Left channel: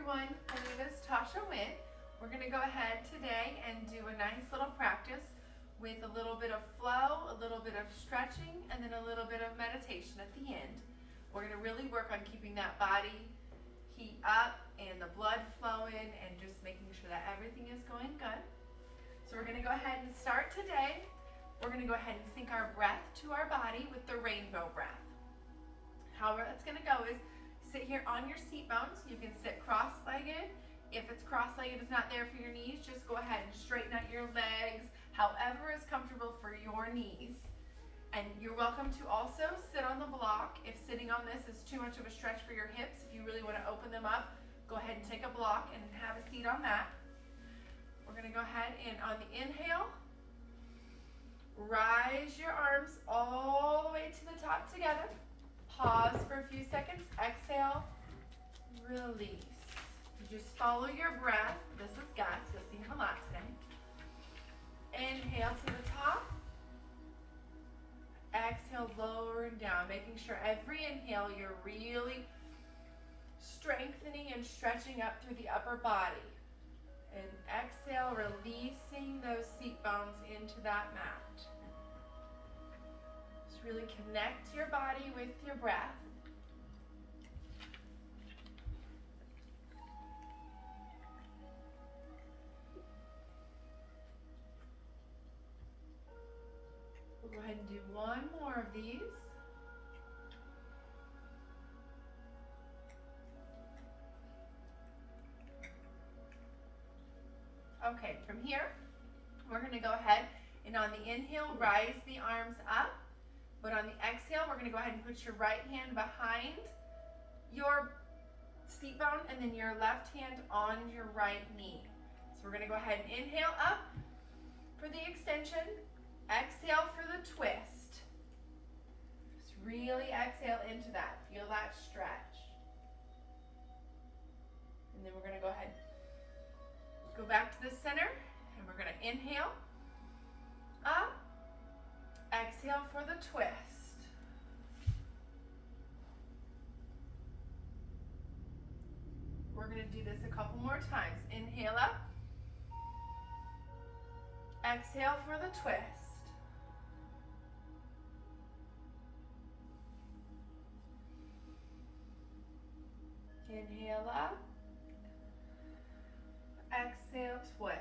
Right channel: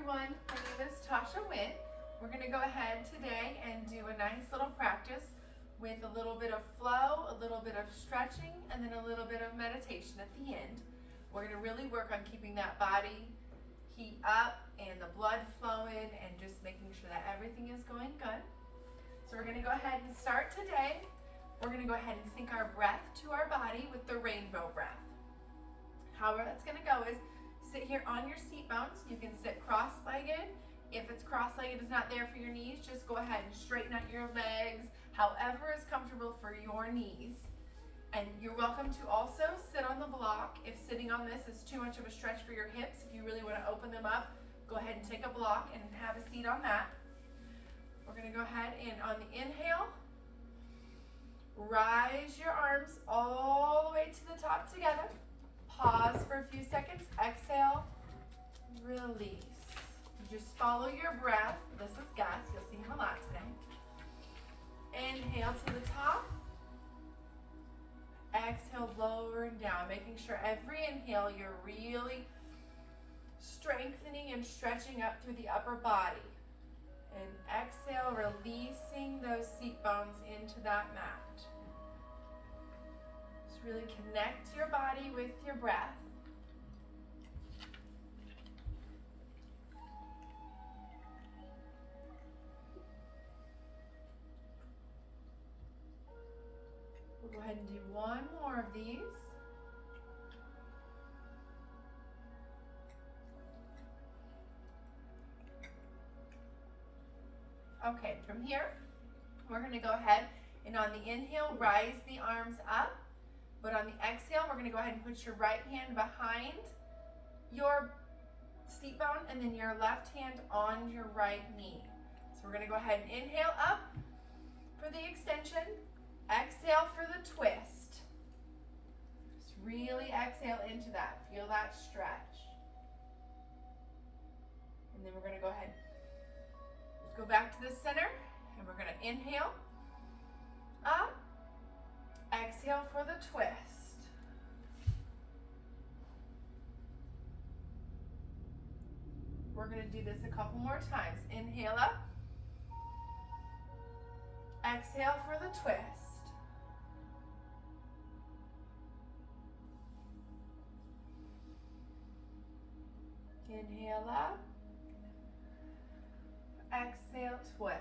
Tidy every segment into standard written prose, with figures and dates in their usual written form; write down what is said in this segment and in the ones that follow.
everyone, my name is Tasha Wynn. We're going to go ahead today and do a nice little practice with a little bit of flow, a little bit of stretching, and then a little bit of meditation at the end. We're going to really work on keeping that body heat up and the blood flowing and just making sure that everything is going good. So we're going to go ahead and start today. We're going to go ahead and sync our breath to our body with the rainbow breath. How that's going to go is sit here on your seat bones. You can sit cross-legged. If it's cross-legged is not there for your knees, just go ahead and straighten out your legs, however is comfortable for your knees. And you're welcome to also sit on the block. If sitting on this is too much of a stretch for your hips, if you really want to open them up, go ahead and take a block and have a seat on that. We're going to go ahead and on the inhale, rise your arms all the way to the top together. Pause for a few seconds. Exhale, release. You just follow your breath. This is Gus. You'll see him a lot today. Inhale to the top. Exhale, lower and down. Making sure every inhale you're really strengthening and stretching up through the upper body. And exhale, releasing those seat bones into that mat. Just really connect your body with your breath. We'll go ahead and do one more of these. Okay, from here, we're going to go ahead and on the inhale, rise the arms up. But on the exhale, we're going to go ahead and put your right hand behind your seat bone and then your left hand on your right knee. So we're going to go ahead and inhale up for the extension. Exhale for the twist. Just really exhale into that. Feel that stretch. And then we're going to go ahead. Go back to the center and we're going to inhale up, exhale for the twist. We're going to do this a couple more times. Inhale up, exhale for the twist. Inhale up, exhale, twist.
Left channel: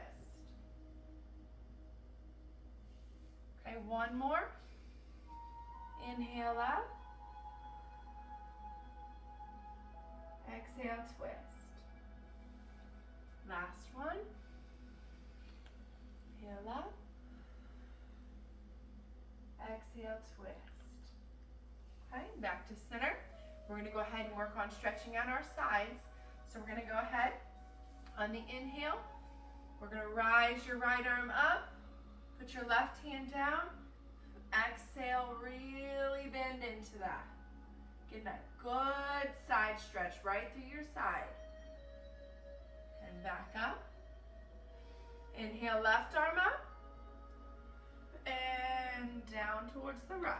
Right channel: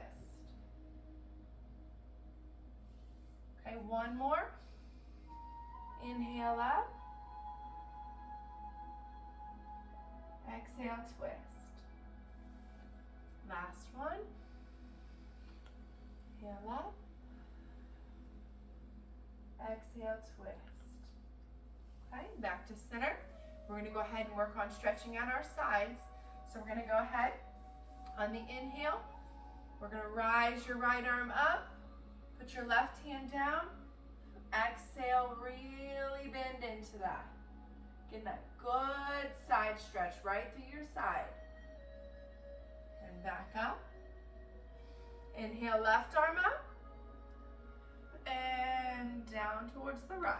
Okay, one more. Inhale up. Exhale, twist. Last one. Inhale up. Exhale, twist. Okay, back to center. We're going to go ahead and work on stretching out our sides. So we're going to go ahead. On the inhale, we're going to rise your right arm up, put your left hand down, exhale, really bend into that. Get that good side stretch right through your side. And back up. Inhale, left arm up, and down towards the right.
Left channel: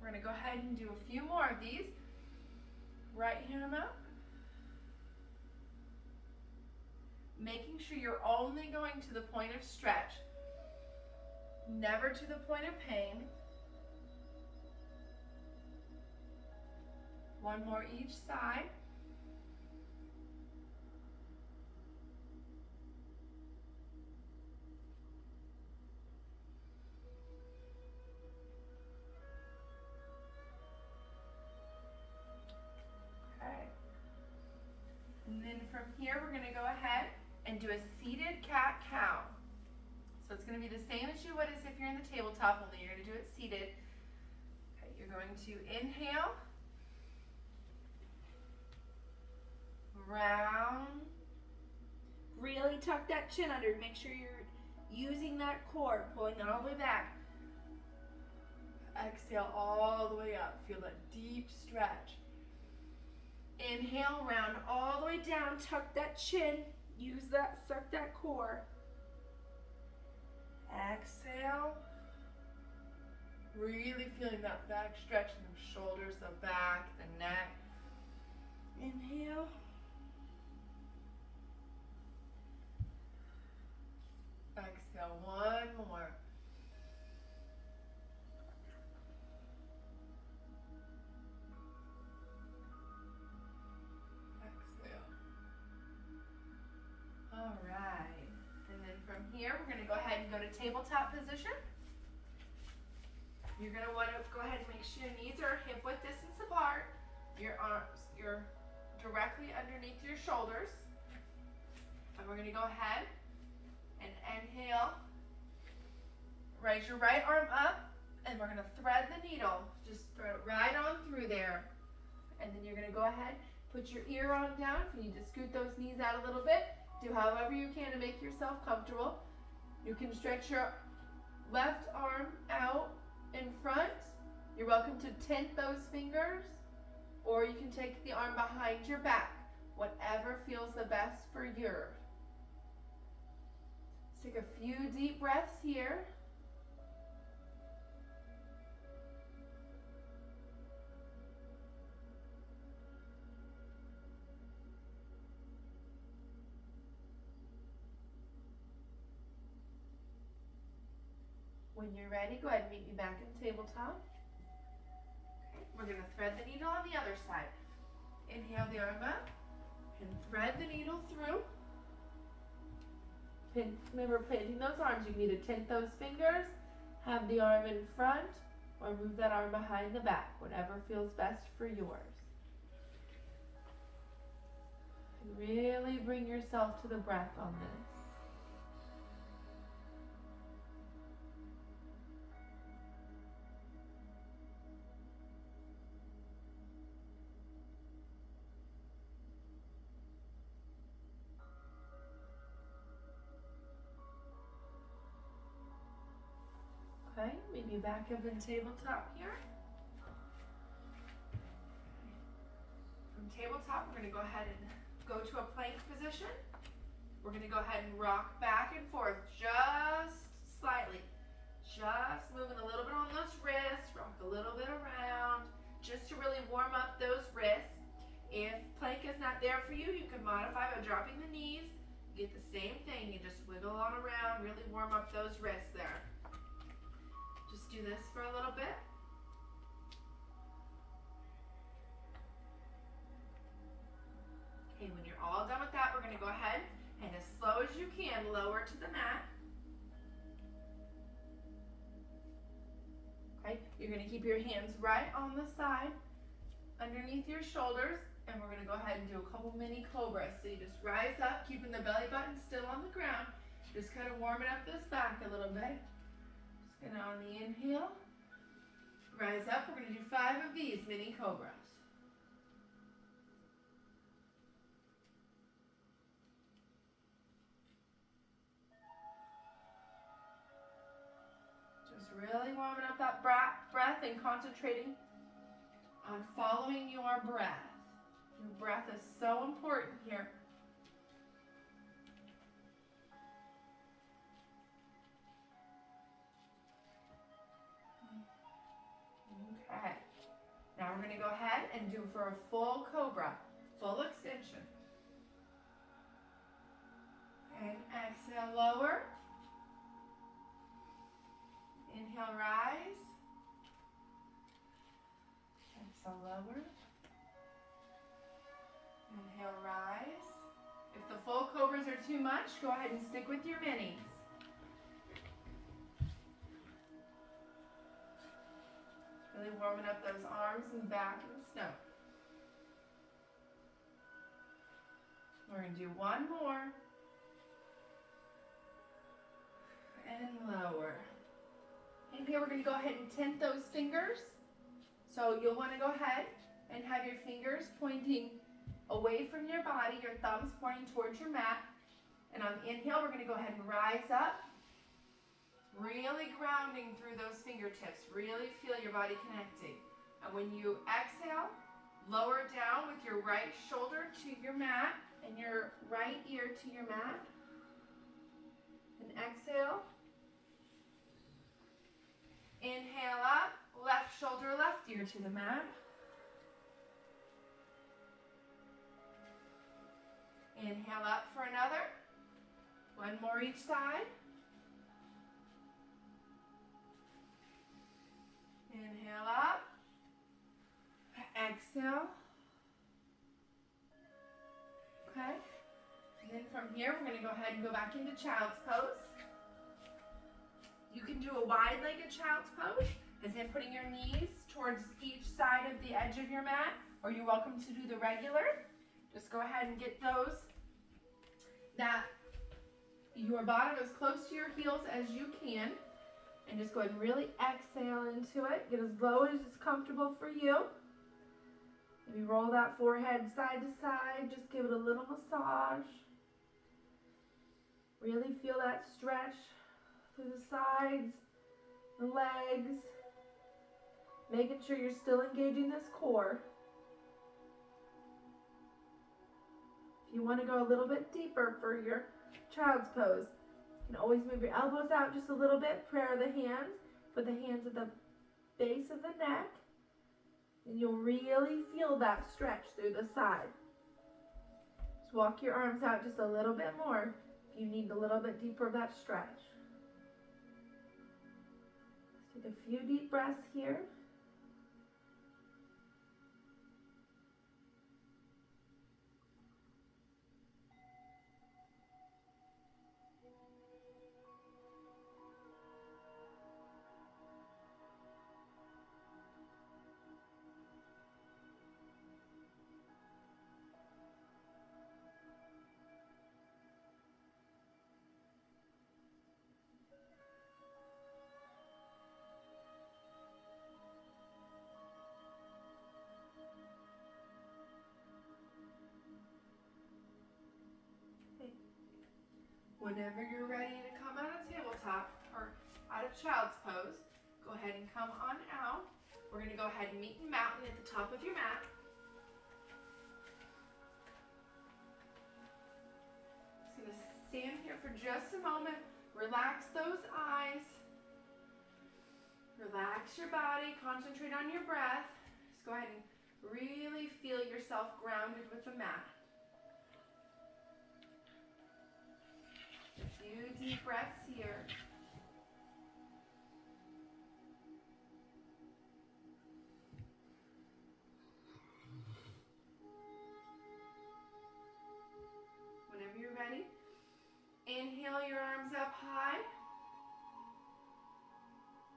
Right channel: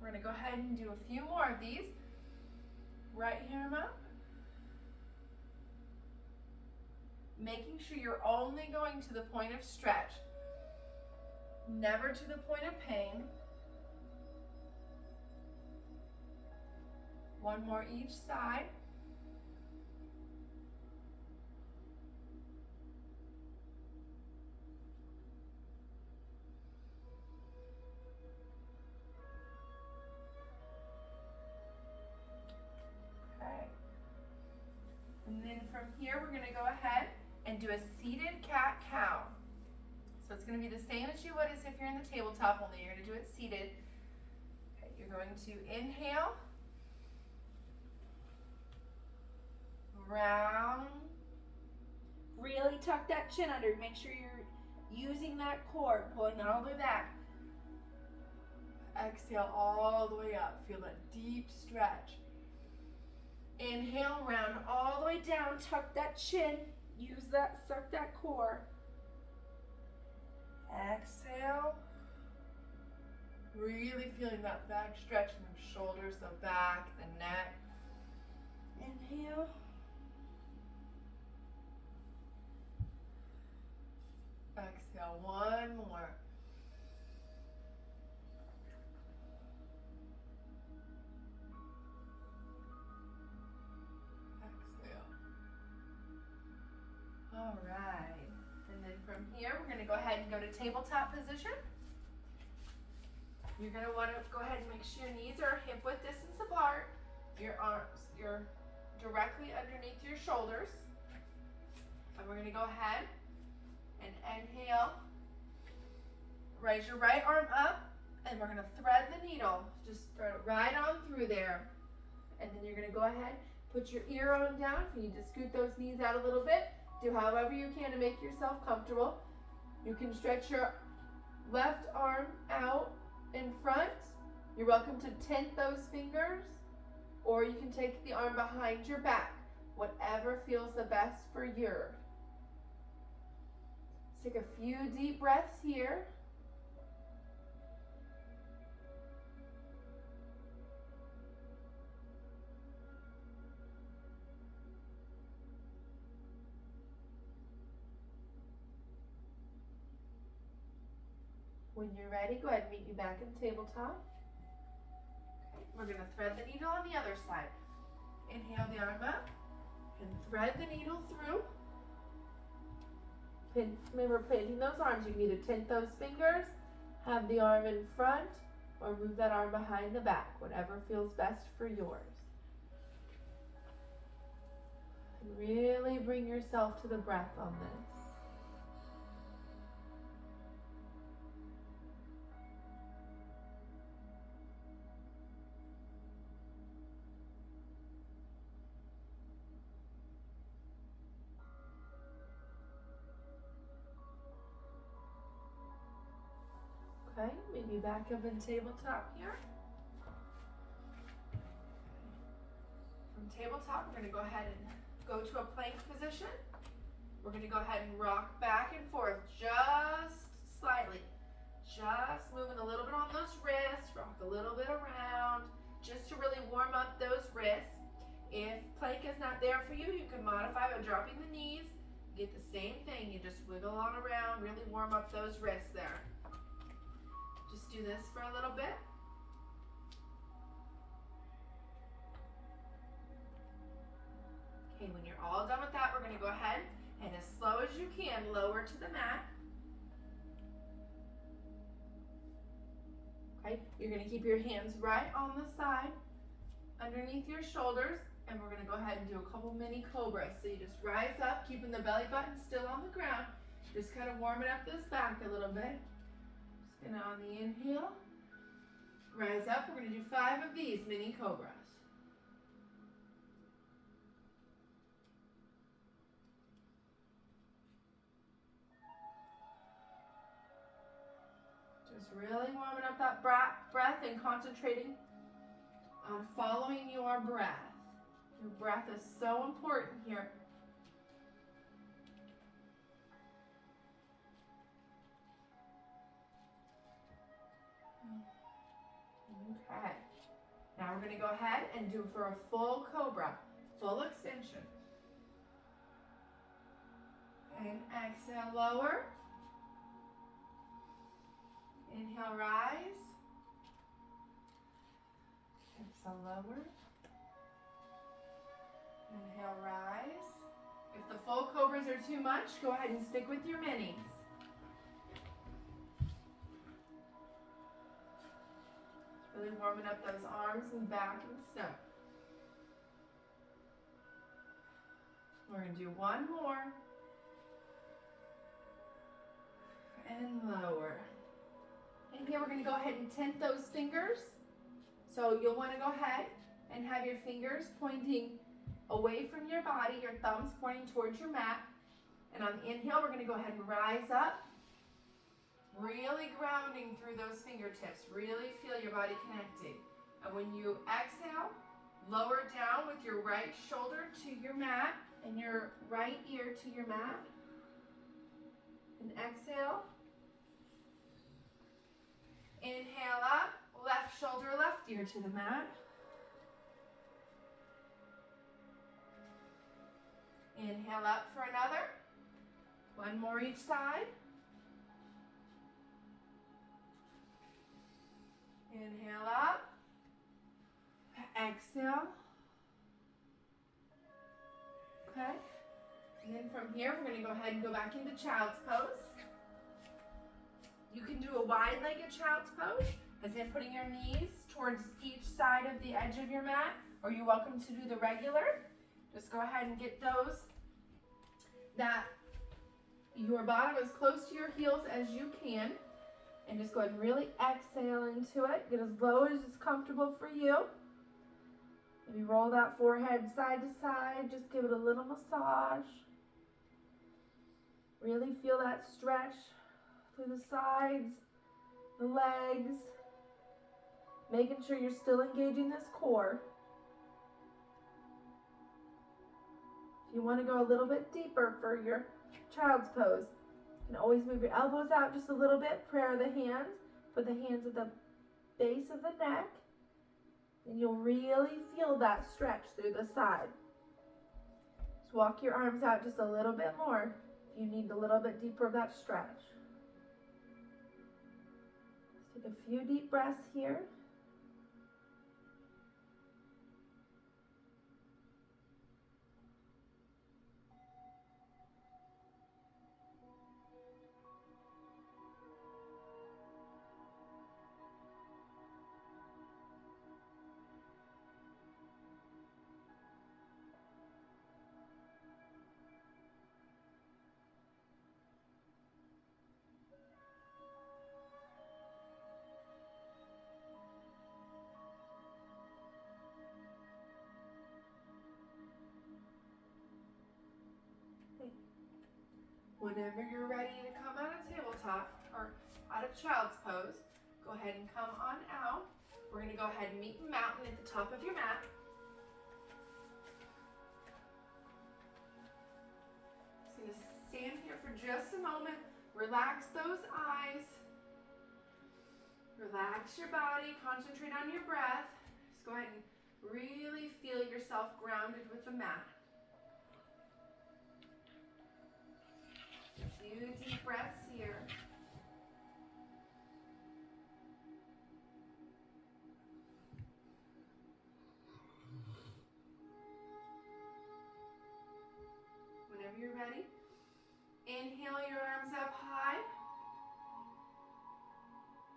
We're going to go ahead and do a few more of these. Right arm up. Making sure you're only going to the point of stretch, never to the point of pain. One more each side. Okay. And then from here, we're going to go ahead and do a seated cat-cow. So it's going to be the same as you would as if you're in the tabletop, only you're going to do it seated. Okay, you're going to inhale, round. Really tuck that chin under. Make sure you're using that core, pulling that all the way back. Exhale all the way up. Feel that deep stretch. Inhale, round all the way down, tuck that chin. Use that, suck that core. Exhale. Really feeling that back stretch in the shoulders, the back, the neck. Inhale. All right. And then from here, we're gonna go ahead and go to tabletop position. You're gonna wanna go ahead and make sure your knees are hip width distance apart. Your arms, you're directly underneath your shoulders. And we're gonna go ahead and inhale. Raise your right arm up, and we're gonna thread the needle. Just thread it right on through there. And then you're gonna go ahead, put your ear on down. If you need to scoot those knees out a little bit, do however you can to make yourself comfortable. You can stretch your left arm out in front. You're welcome to tent those fingers, or you can take the arm behind your back, whatever feels the best for you. Let's take a few deep breaths here. When you're ready, go ahead and meet me back in tabletop. Okay, we're gonna thread the needle on the other side. Inhale the arm up and thread the needle through. Remember, planting those arms, you can either tent those fingers, have the arm in front, or move that arm behind the back, whatever feels best for yours. And really bring yourself to the breath on this. Okay, maybe back up in tabletop here. From tabletop, we're going to go ahead and go to a plank position. We're going to go ahead and rock back and forth just slightly. Just moving a little bit on those wrists, rock a little bit around, just to really warm up those wrists. If plank is not there for you, you can modify by dropping the knees. You get the same thing, you just wiggle on around, really warm up those wrists there. Just do this for a little bit. Okay, when you're all done with that, we're going to go ahead and as slow as you can, lower to the mat. Okay, you're going to keep your hands right on the side, underneath your shoulders, and we're going to go ahead and do a couple mini cobras. So you just rise up, keeping the belly button still on the ground, just kind of warming up this back a little bit. And on the inhale, rise up. We're going to do 5 of these mini cobras. Just really warming up that breath and concentrating on following your breath. Your breath is so important here. Okay, now we're going to go ahead and do for a full cobra, full extension. And exhale, lower. Inhale, rise. Exhale, lower. Inhale, rise. If the full cobras are too much, go ahead and stick with your minis. Really warming up those arms and back and snout. We're going to do one more. And lower. And here we're going to go ahead and tent those fingers. So you'll want to go ahead and have your fingers pointing away from your body, your thumbs pointing towards your mat. And on the inhale, we're going to go ahead and rise up. Really grounding through those fingertips. Really feel your body connecting. And when you exhale, lower down with your right shoulder to your mat and your right ear to your mat. And exhale. Inhale up, left shoulder, left ear to the mat. Inhale up for another. One more each side. Inhale up. Exhale. Okay. And then from here, we're going to go ahead and go back into child's pose. You can do a wide-legged child's pose, as in putting your knees towards each side of the edge of your mat, or you're welcome to do the regular. Just go ahead and get those, that your bottom is close to your heels as you can, and just go ahead and really exhale into it. Get as low as is comfortable for you. Maybe roll that forehead side to side, just give it a little massage. Really feel that stretch through the sides, the legs, making sure you're still engaging this core. If you want to go a little bit deeper for your child's pose, you can always move your elbows out just a little bit, prayer the hands, put the hands at the base of the neck, and you'll really feel that stretch through the side. Just walk your arms out just a little bit more if you need a little bit deeper of that stretch. Take a few deep breaths here. Whenever you're ready to come out of tabletop or out of child's pose, go ahead and come on out. We're going to go ahead and meet the mountain at the top of your mat. Just going to stand here for just a moment. Relax those eyes. Relax your body. Concentrate on your breath. Just go ahead and really feel yourself grounded with the mat. A few deep breaths here. Whenever you're ready, inhale your arms up high.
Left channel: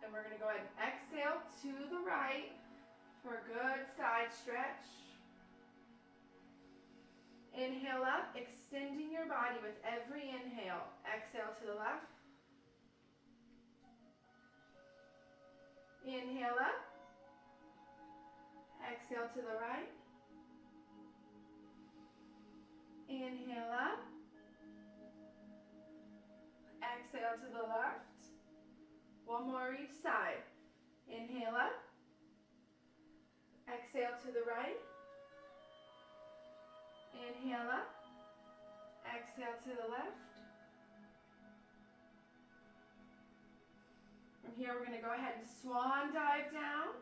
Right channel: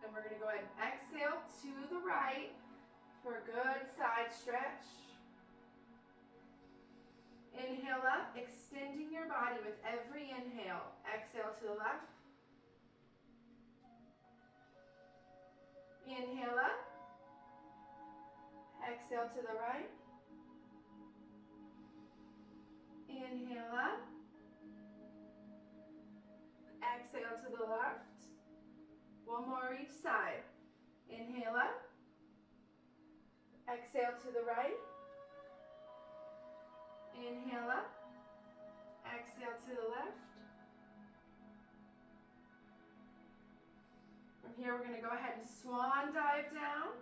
And we're going to go ahead and exhale to the right for a good side stretch. Inhale up, extending your body with every inhale. Exhale to the left. Inhale up. Exhale to the right. Inhale up. Exhale to the left. One more each side. Inhale up. Exhale to the right. Inhale up. Exhale to the left. From here, we're going to go ahead and swan dive down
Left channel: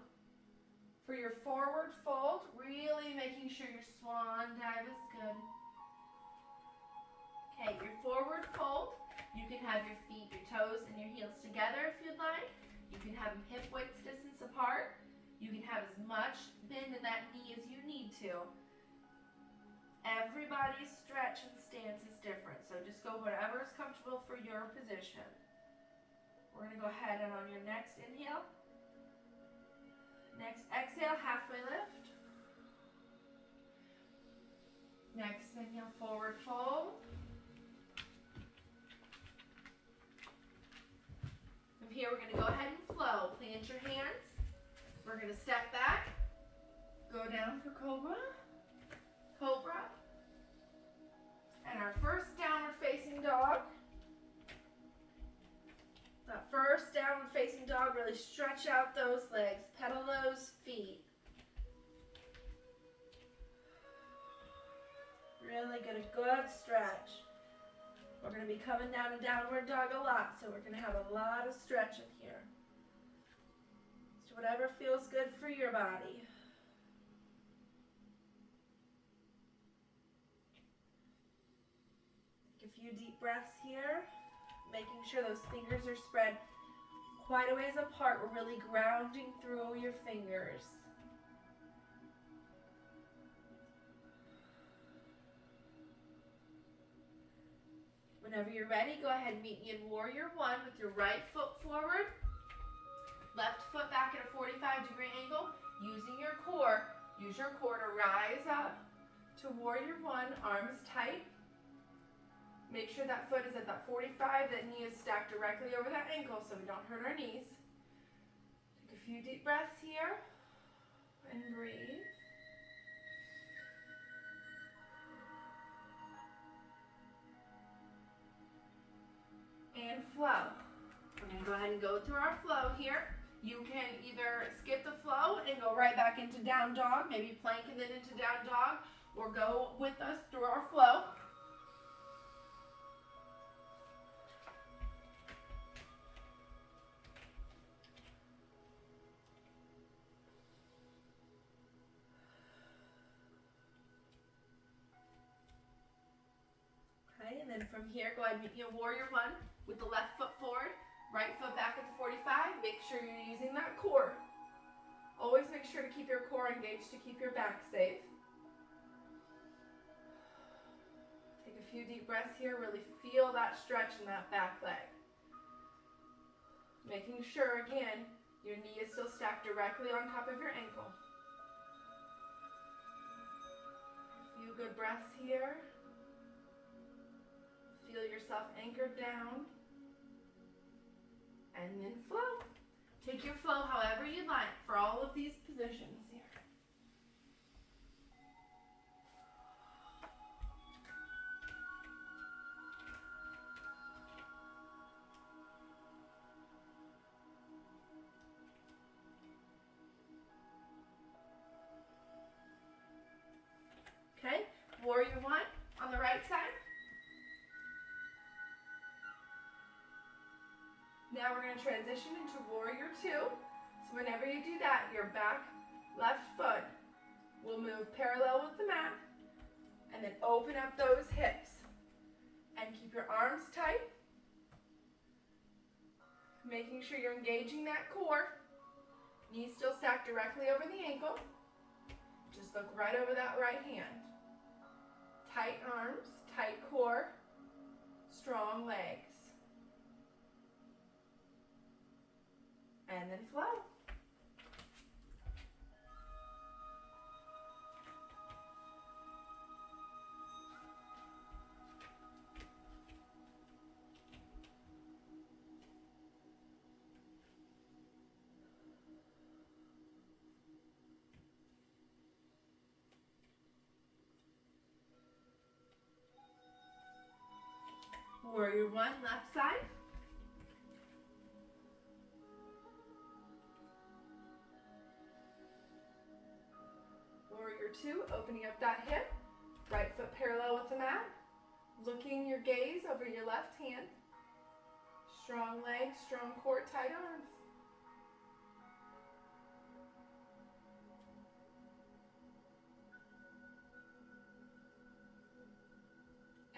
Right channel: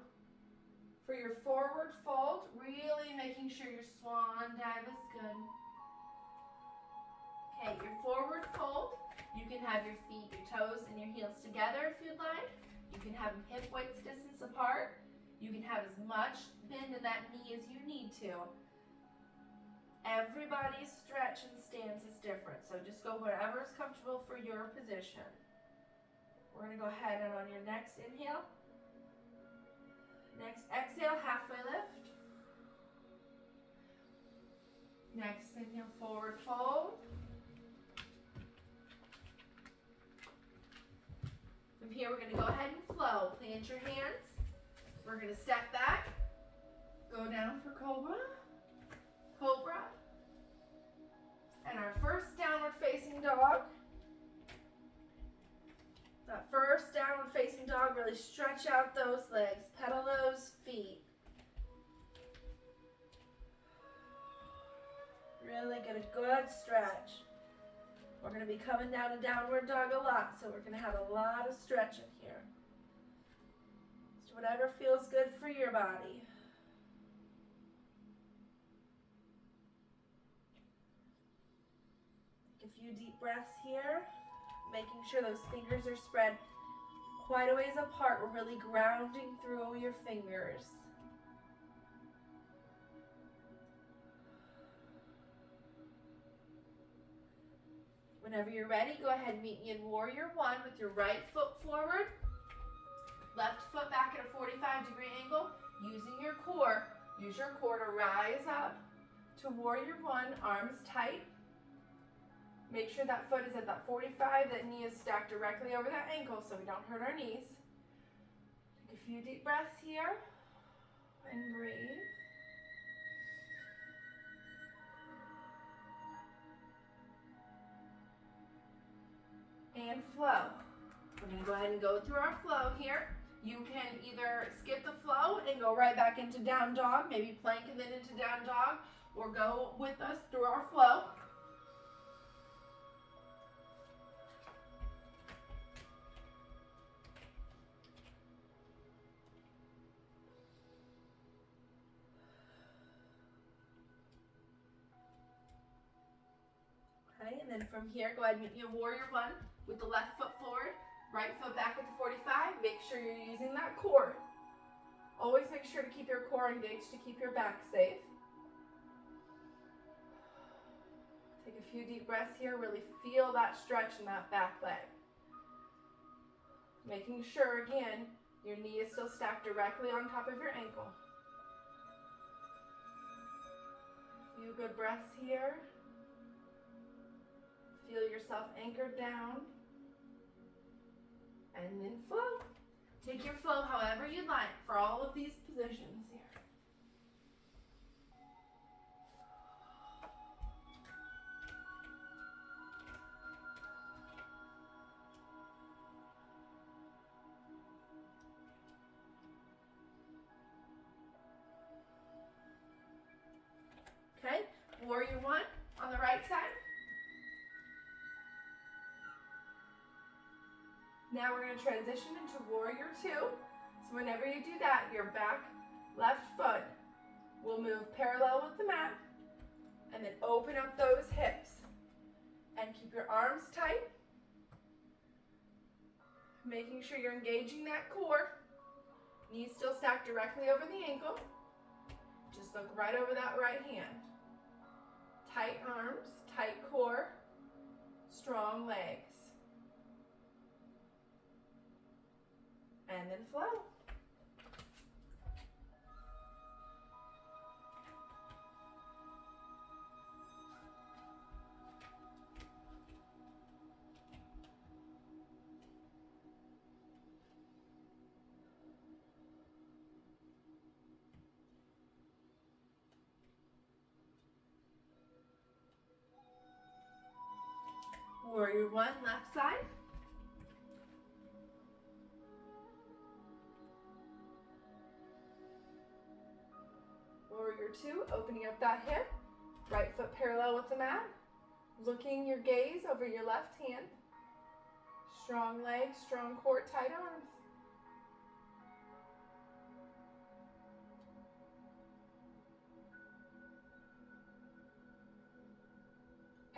for your forward fold. Really making sure your swan dive is good. Okay, your forward fold. You can have your feet, your toes, and your heels together if you'd like. You can have them hip width distance apart. You can have as much bend in that knee as you need to. Everybody's stretch and stance is different, so just go wherever is comfortable for your position. We're going to go ahead and on your next inhale, next exhale, halfway lift. Next inhale, forward fold. From here, we're going to go ahead and flow. Plant your hands. We're going to step back, go down for cobra. Cobra, and our first downward facing dog. That first downward facing dog, really stretch out those legs, pedal those feet. Really get a good stretch. We're going to be coming down to downward dog a lot, so we're going to have a lot of stretch in here. Just whatever feels good for your body. A few deep breaths here, making sure those fingers are spread quite a ways apart. We're really grounding through your fingers. Whenever you're ready, go ahead and meet me in warrior one with your right foot forward, left foot back at a 45-degree angle, using your core. Use your core to rise up to warrior one, arms tight. Make sure that foot is at that 45, that knee is stacked directly over that ankle so we don't hurt our knees. Take a few deep breaths here and breathe. And flow. We're going to go ahead and go through our flow here. You can either skip the flow and go right back into down dog, maybe plank and then into down dog, or go with us through our flow. Okay, and then from here, go ahead and meet me in warrior one with the left foot forward, right foot back at the 45. Make sure you're using that core. Always make sure to keep your core engaged to keep your back safe. Take a few deep breaths here. Really feel that stretch in that back leg. Making sure, again, your knee is still stacked directly on top of your ankle. A few good breaths here. Feel yourself anchored down. And then flow. Take your flow however you like for all of these positions here. Okay, warrior one on the right side. Now we're going to transition into warrior two. So whenever you do that, your back left foot will move parallel with the mat, and then open up those hips and keep your arms tight, making sure you're engaging that core. Knees still stacked directly over the ankle. Just look right over that right hand. Tight arms, tight core, strong legs. And then flow. Warrior one, left side. Warrior two, opening up that hip, right foot parallel with the mat, looking your gaze over your left hand. Strong legs, strong core, tight arms.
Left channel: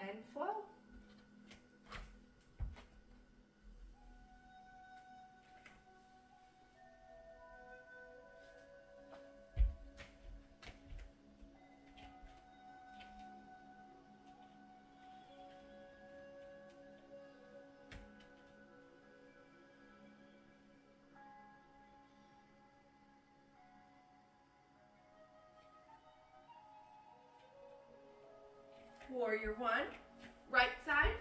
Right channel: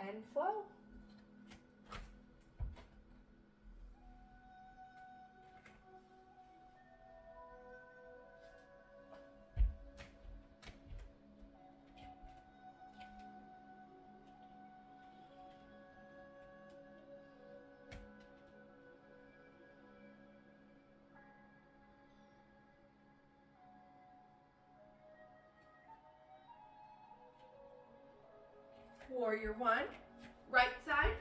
And flow. Warrior one, right side.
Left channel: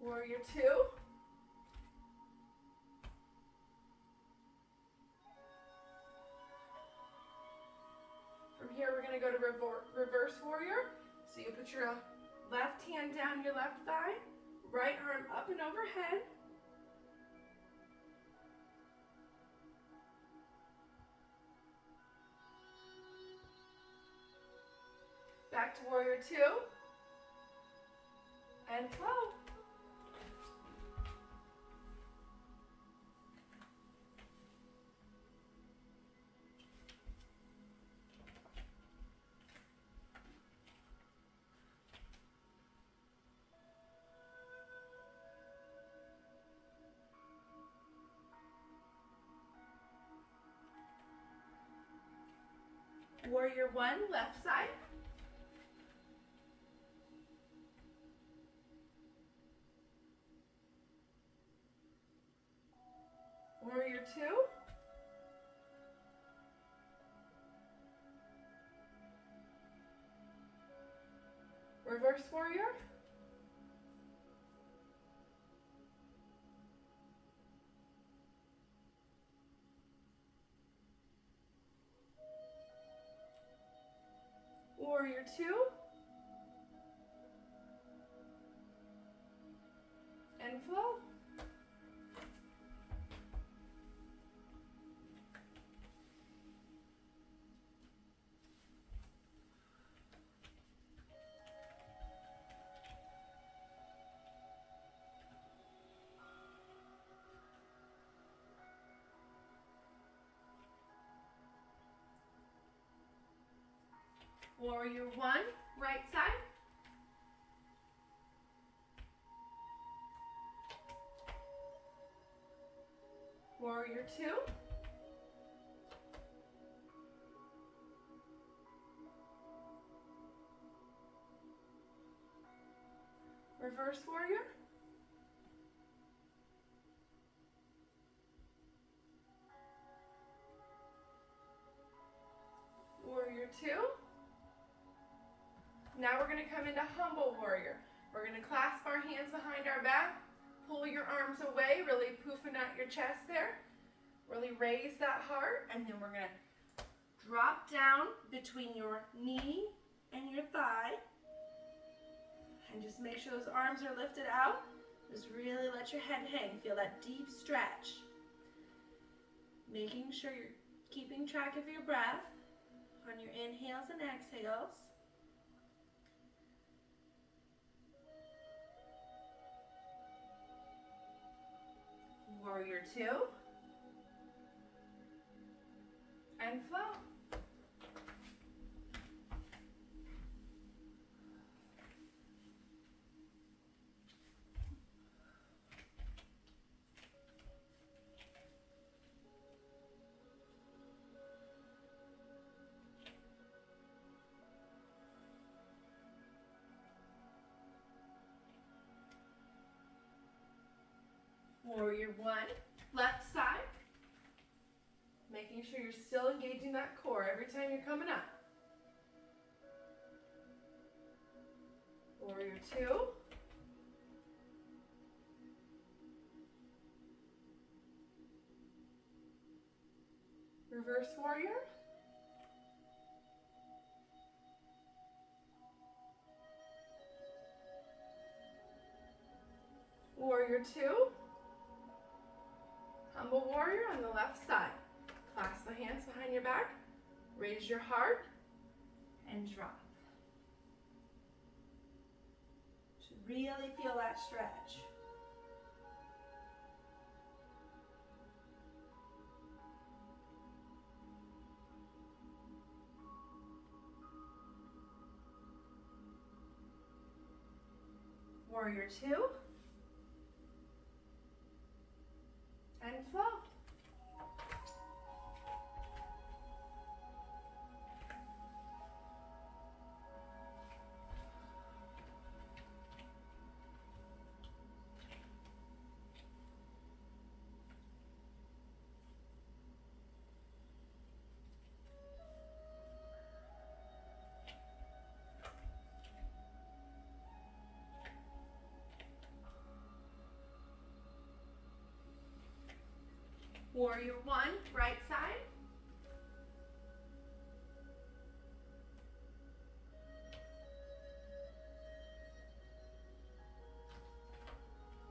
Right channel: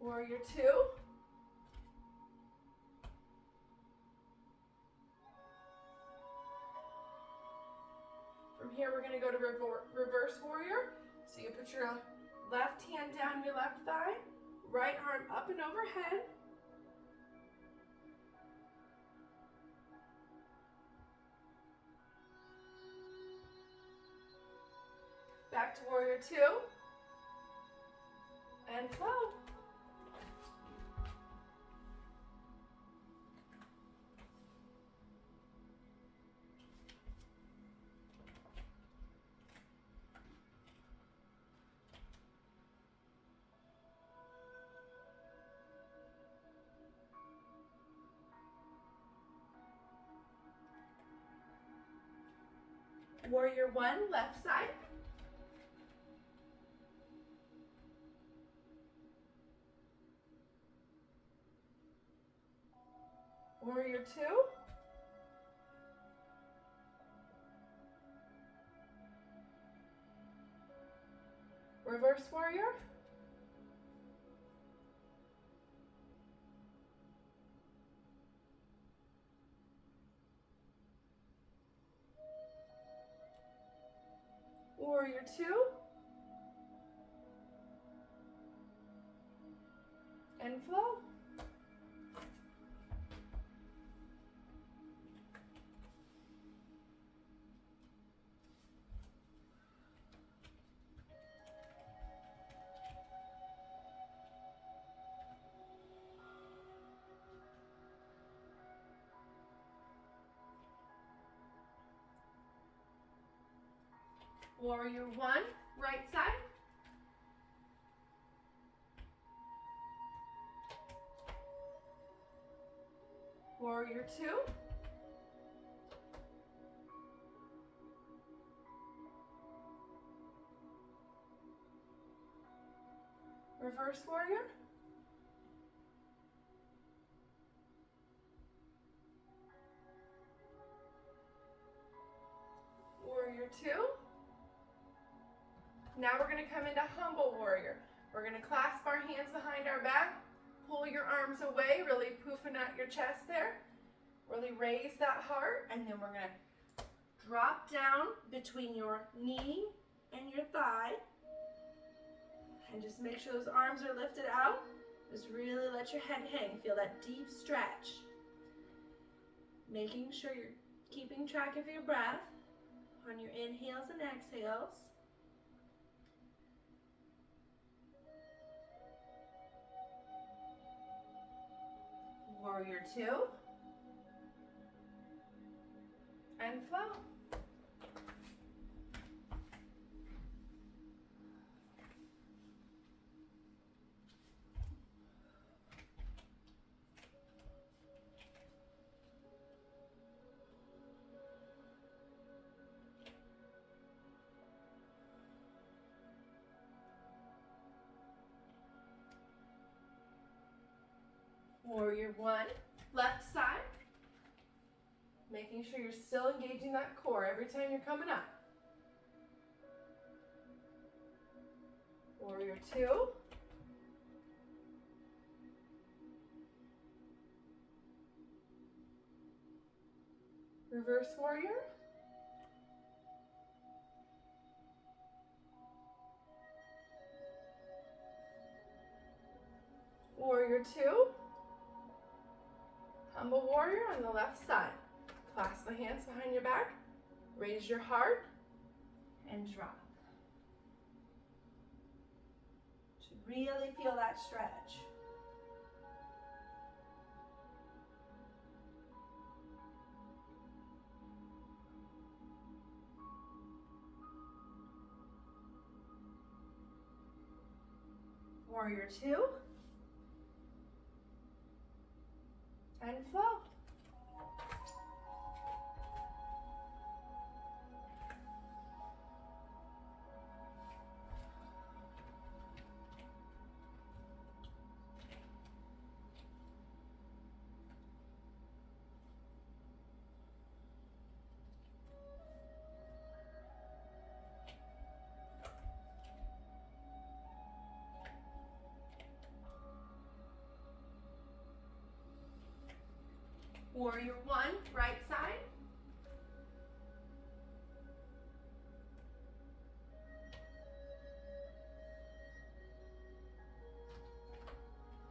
Warrior two. From here, we're going to go to reverse warrior. So you put your left hand down your left thigh, right arm up and overhead. Back to warrior two. And flow. Warrior one, left side. Warrior two. Reverse warrior. Warrior two. And flow. Warrior one, right side. Warrior two. Reverse warrior. Warrior two. Now we're going to come into humble warrior. We're going to clasp our hands behind our back, pull your arms away, really poofing out your chest there. Really raise that heart, and then we're going to drop down between your knee and your thigh. And just make sure those arms are lifted out. Just really let your head hang. Feel that deep stretch. Making sure you're keeping track of your breath on your inhales and exhales. Warrior two. And flow. Warrior one, left side. Making sure you're still engaging that core every time you're coming up. Warrior two. Reverse warrior. Warrior two. Humble warrior on the left side. Clasp the hands behind your back, raise your heart, and drop. Should really feel that stretch. Warrior two, and flow. Warrior one, right side.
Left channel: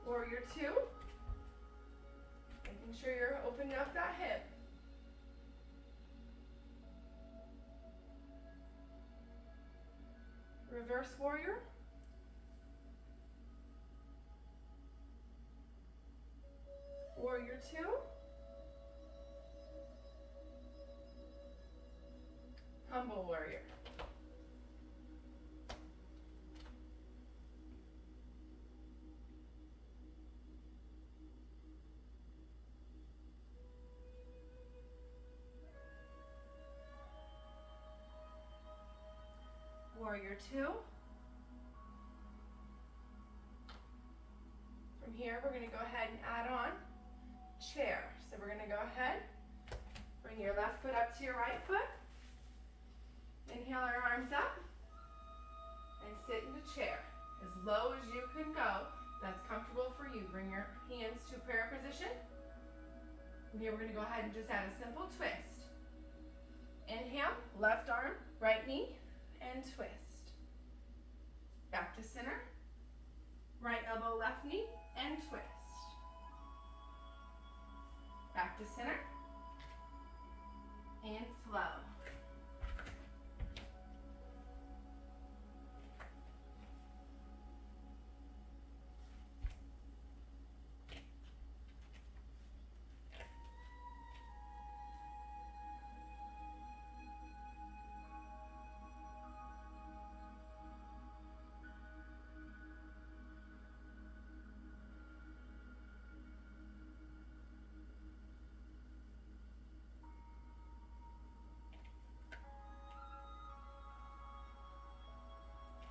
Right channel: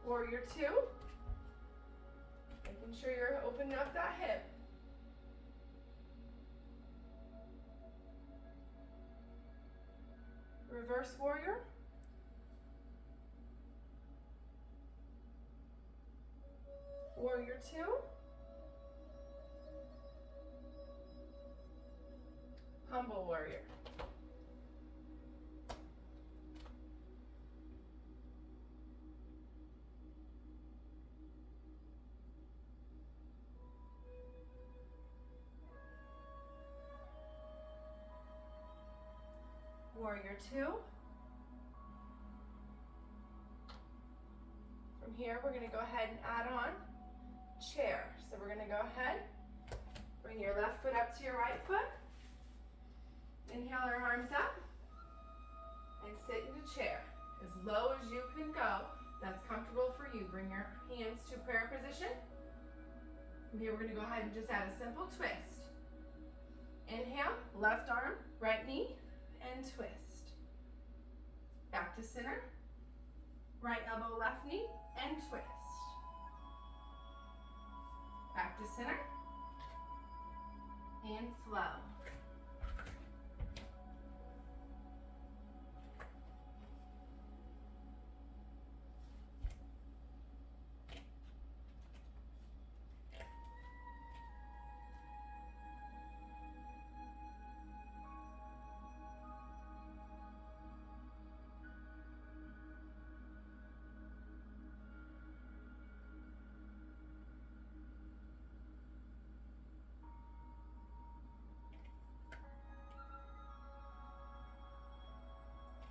Warrior two. Making sure you're opening up that hip. Reverse warrior. Warrior two. Humble warrior. Warrior two. From here, we're gonna go ahead and add on chair. So we're gonna go ahead, bring your left foot up to your right foot. Inhale our arms up and sit into chair. As low as you can go, that's comfortable for you. Bring your hands to prayer position. From here, we're gonna go ahead and just add a simple twist. Inhale, left arm, right knee, and twist. Back to center. Right elbow, left knee, and twist. Back to center. And flow.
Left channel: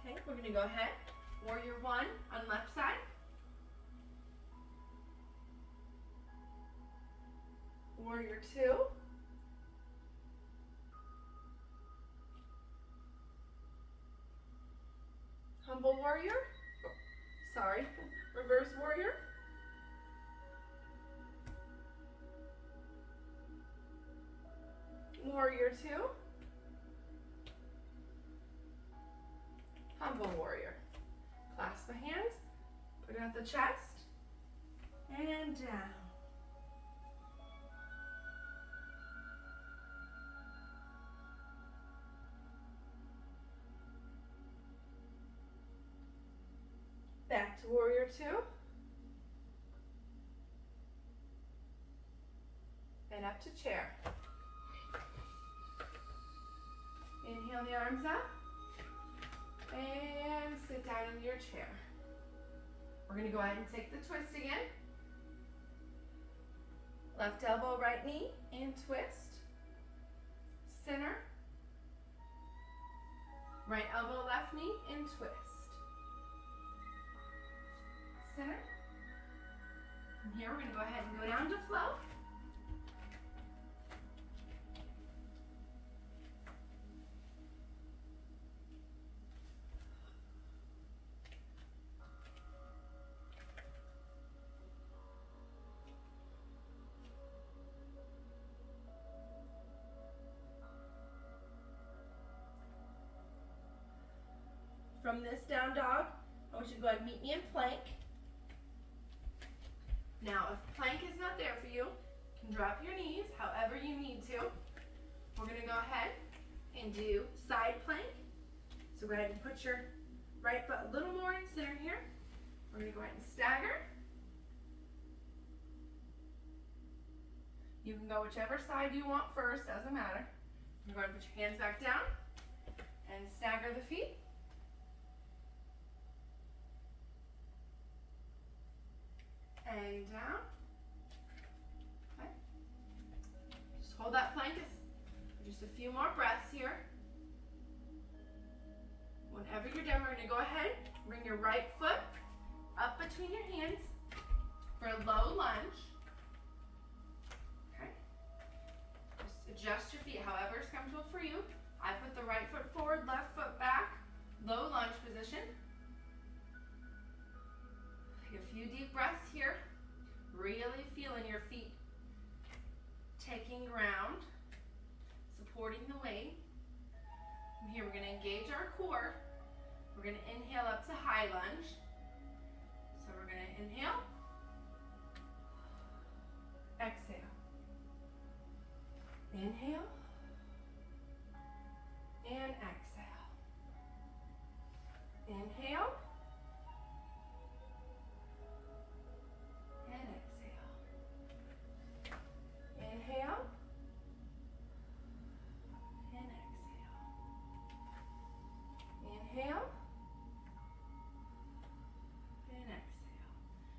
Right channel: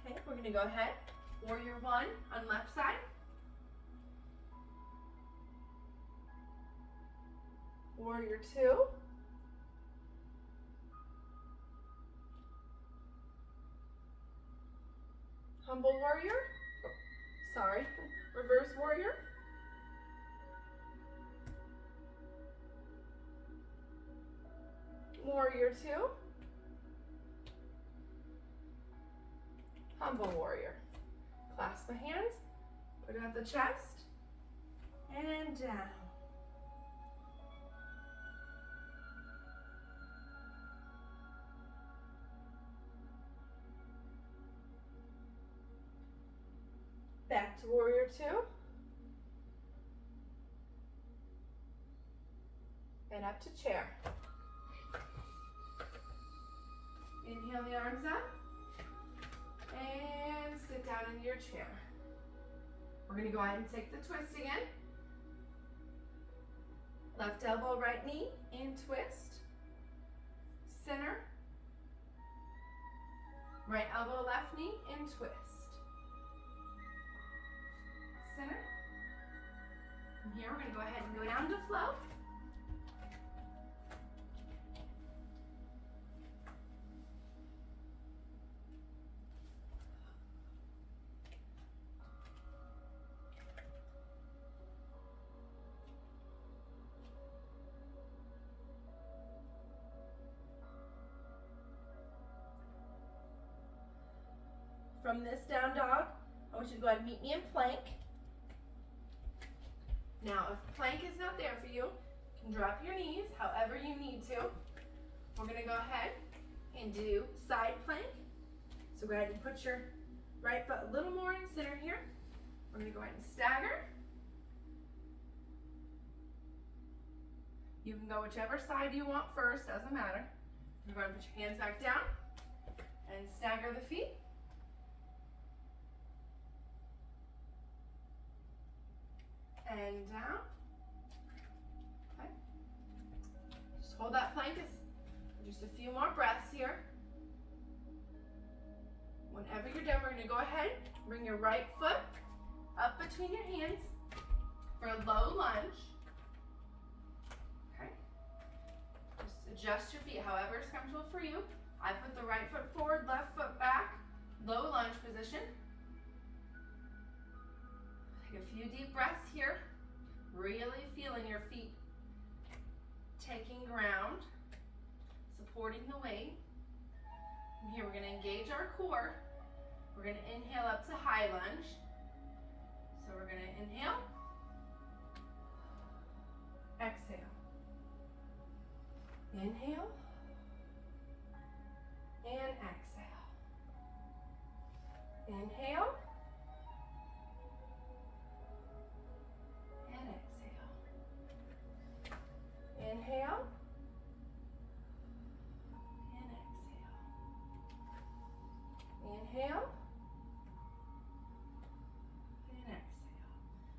Okay, we're gonna go ahead. Warrior one on left side. Warrior two. Humble warrior. Oh, sorry, reverse warrior. Warrior two. Humble warrior. Clasp the hands, put out the chest, and down. Back to warrior two. And up to chair. Inhale the arms up. And sit down in your chair. We're going to go ahead and take the twist again. Left elbow, right knee, and twist. Center. Right elbow, left knee, and twist. Center. From here, we're going to go ahead and go down to flow. From this down dog, I want you to go ahead and meet me in plank. Now, if plank is not there for you, you can drop your knees however you need to. We're going to go ahead and do side plank. So go ahead and put your right foot a little more in center here. We're going to go ahead and stagger. You can go whichever side you want first, doesn't matter. You're going to put your hands back down and stagger the feet. And down. Okay. Just hold that plank for just a few more breaths here. Whenever you're done, we're going to go ahead, bring your right foot up between your hands for a low lunge. Okay. Just adjust your feet however is comfortable for you. I put the right foot forward, left foot back, low lunge position. Take a few deep breaths here, really feeling your feet taking ground, supporting the weight. From here, we're going to engage our core. We're going to inhale up to high lunge. So we're going to inhale, exhale, inhale, and exhale. Inhale, and exhale. Inhale, and exhale. Inhale, and exhale.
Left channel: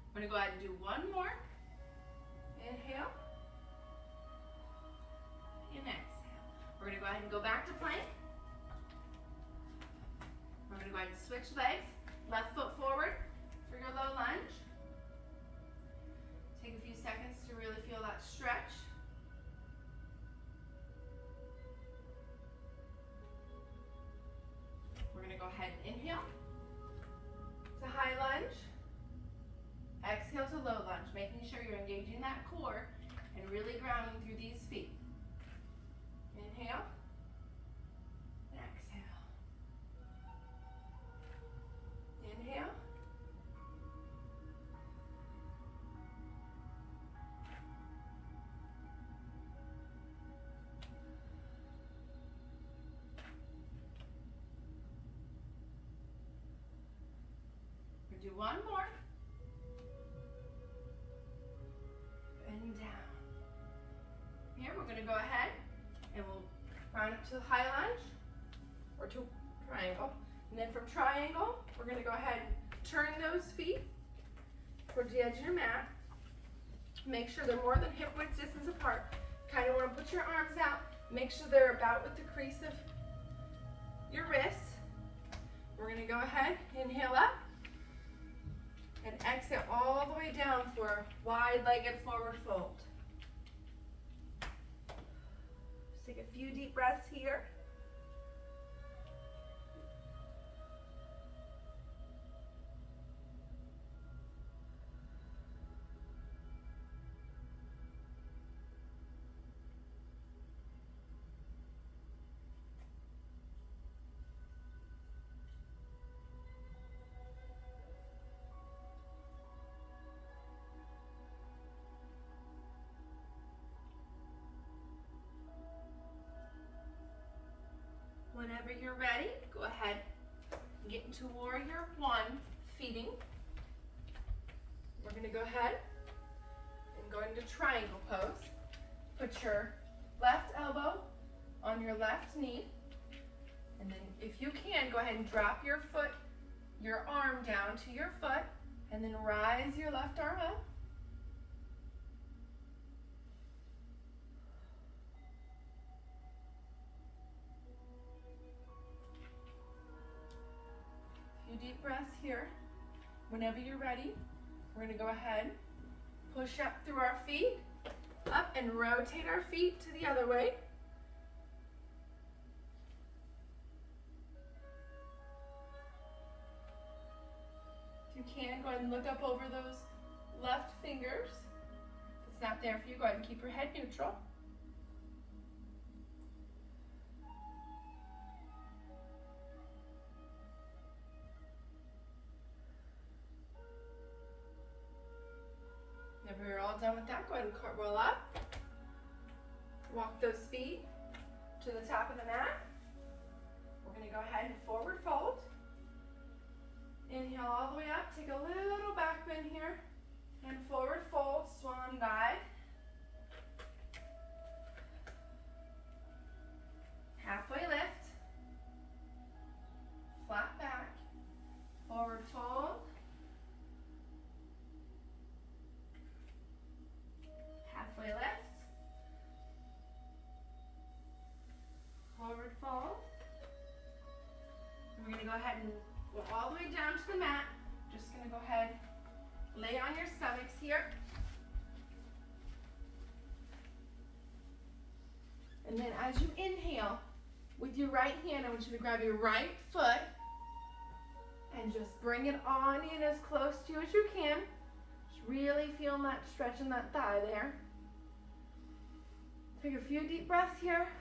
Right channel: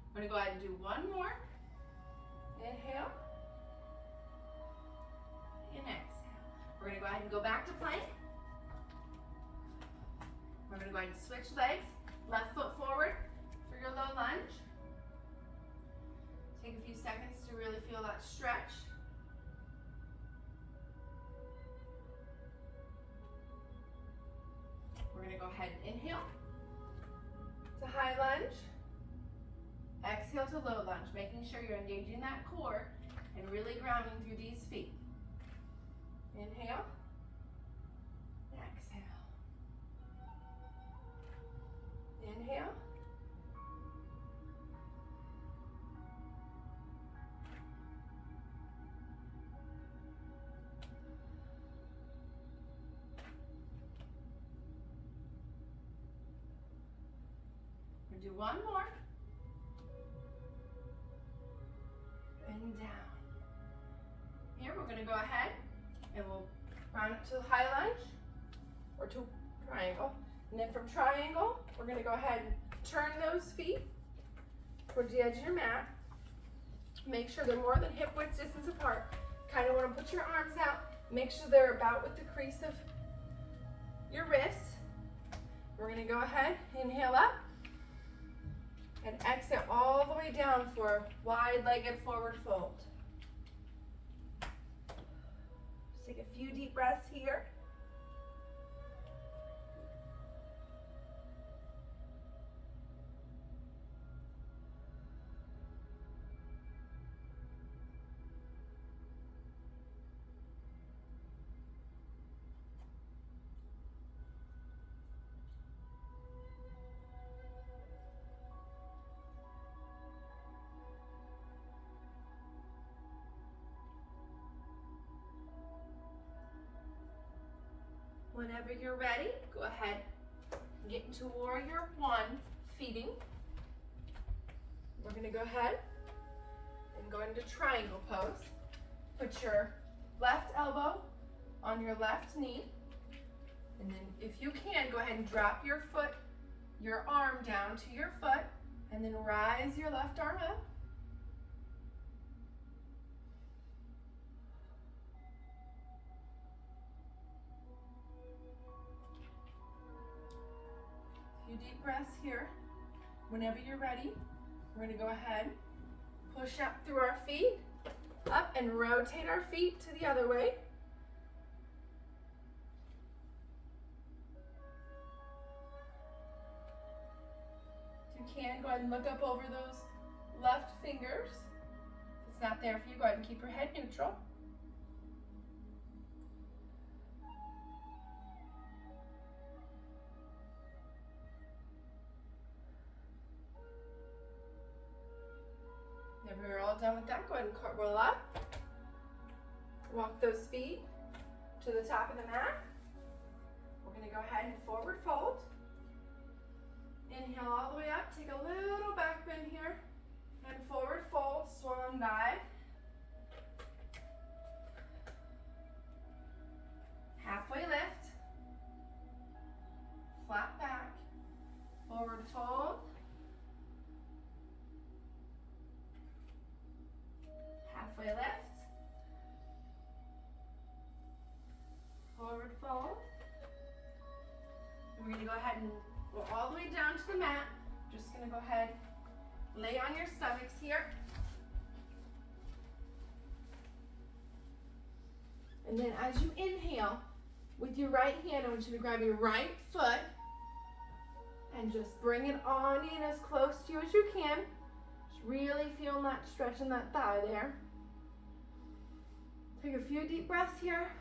I'm going to go ahead and do one more. Inhale, and exhale. We're going to go ahead and go back to plank. switch legs. Left foot forward for your low lunge. Take a few seconds to really feel that stretch. We're going to go ahead and inhale to high lunge. Exhale to low lunge, making sure you're engaging that core and really grounding through these feet. Inhale, exhale. Inhale. We'll do one more. And down. Here we're going to go ahead and we'll round up to high lunge or to triangle. And then from triangle, we're going to go ahead and turn those feet towards the edge of your mat. Make sure they're more than hip width distance apart. Kind of want to put your arms out. Make sure they're about with the crease of your wrists. We're going to go ahead, inhale up, and exhale all the way down for wide-legged forward fold. Just take a few deep breaths here. Whenever you're ready, go ahead and get into warrior one, feeding. We're going to go ahead and go into triangle pose. Put your left elbow on your left knee. And then if you can, go ahead and drop your arm down to your foot, and then rise your left arm up. Few deep breaths here. Whenever you're ready, we're going to go ahead, push up through our feet, up and rotate our feet to the other way. If you can, go ahead and look up over those left fingers. If it's not there for you, go ahead and keep your head neutral. Whenever you're all done with that, go ahead and roll up. Walk those feet to the top of the mat. We're going to go ahead and forward fold. Inhale all the way up. Take a little back bend here. And forward fold, swan dive. Halfway lift. Flat back. Forward fold. Halfway lift. Forward fold. We're going to go ahead and go all the way down to the mat. Just going to go ahead, lay on your stomachs here. And then as you inhale, with your right hand, I want you to grab your right foot and just bring it on in as close to you as you can. Just really feel that stretch in that thigh there. Take a few deep breaths here.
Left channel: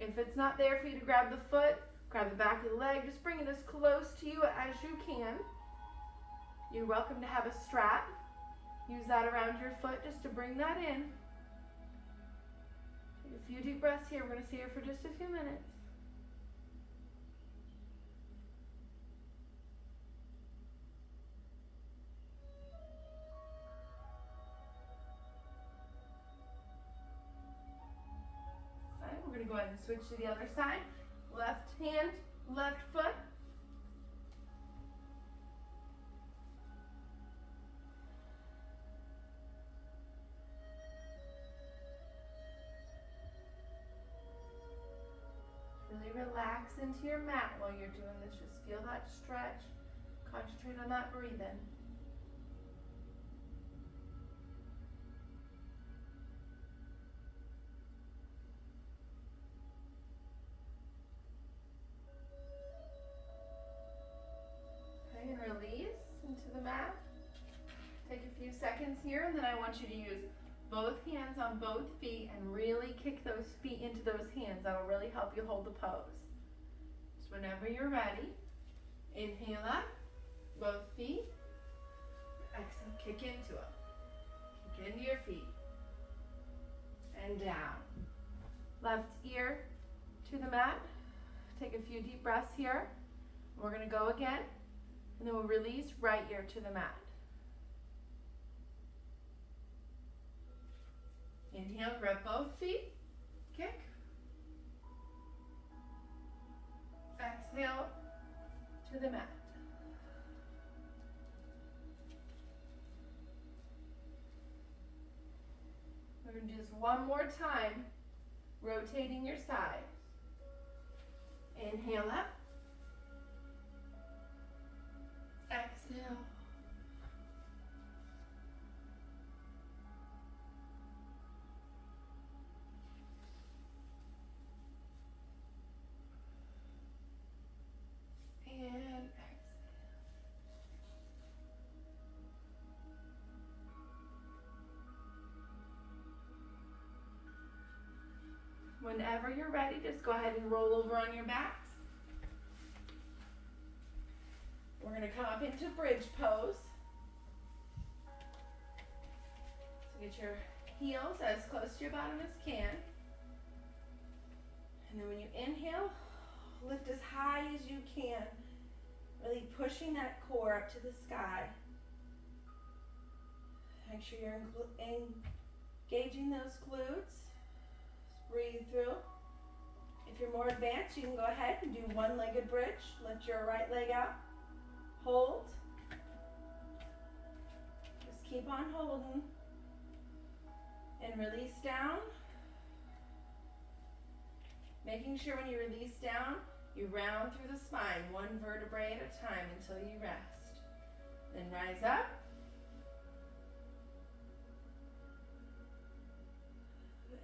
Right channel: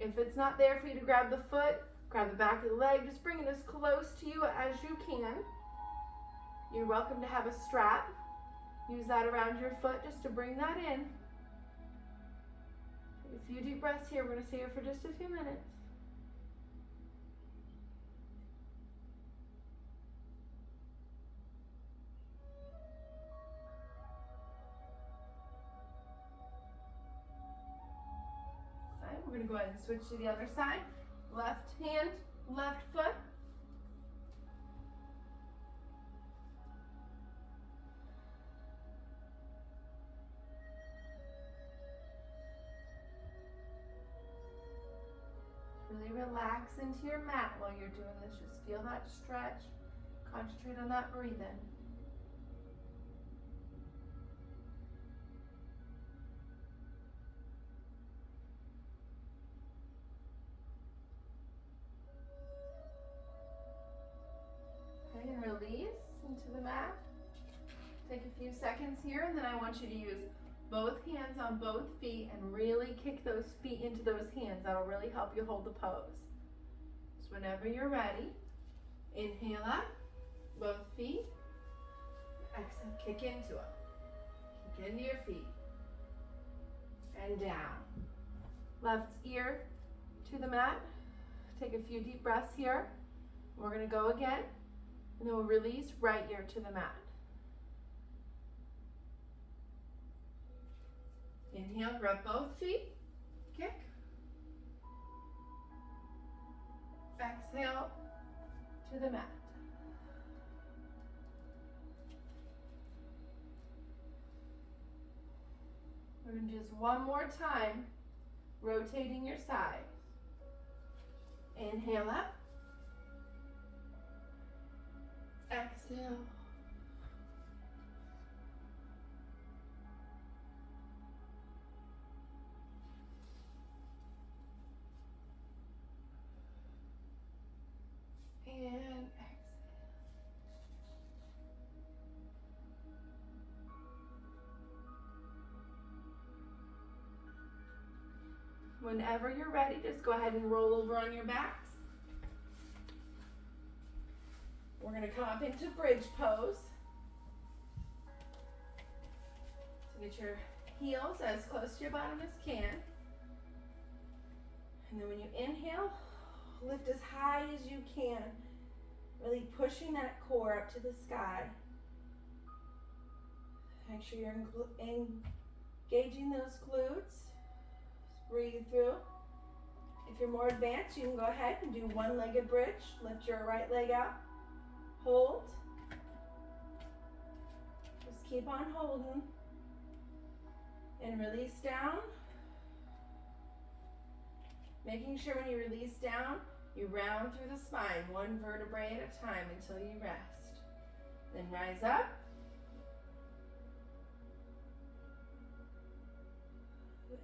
If it's not there for you to grab the foot, grab the back of the leg. Just bring it as close to you as you can. You're welcome to have a strap. Use that around your foot just to bring that in. Take a few deep breaths here. We're going to stay here for just a few minutes. We're going to go ahead and switch to the other side. Left hand, left foot. relax into your mat while you're doing this. Just feel that stretch. Concentrate on that breathing. Okay, and release into the mat. Take a few seconds here, and then I want you to use both hands on both feet and really kick those feet into those hands. That'll really help you hold the pose. So whenever you're ready, inhale up, both feet. Exhale, kick into them. Kick into your feet. And down. Left ear to the mat. Take a few deep breaths here. We're going to go again. And then we'll release right ear to the mat. Inhale, grab both feet. Kick. Exhale to the mat. We're going to do this one more time, rotating your side. Inhale up. Exhale. And exhale. Whenever you're ready, just go ahead and roll over on your backs. We're going to come up into bridge pose. So get your heels as close to your bottom as can. And then when you inhale, lift as high as you can. Really pushing that core up to the sky. Make sure you're engaging those glutes. Breathe through. If you're more advanced, you can go ahead and do one-legged bridge. Lift your right leg up. Hold. Just keep on holding. And release down. Making sure when you release down, you round through the spine, one vertebrae at a time until you rest. Then rise up.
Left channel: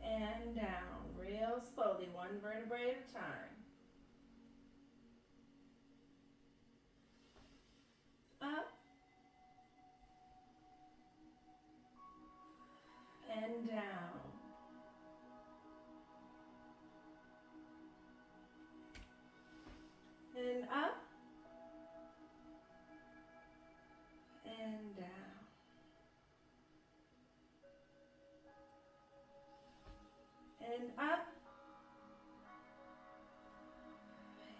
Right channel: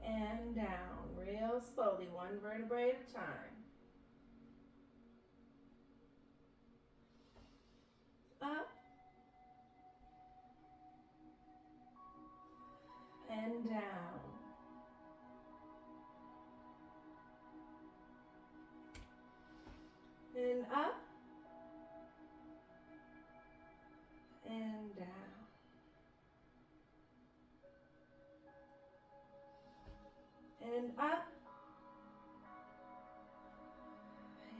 And down, real slowly, one vertebrae at a time. Up. And down. And up. And down. And up.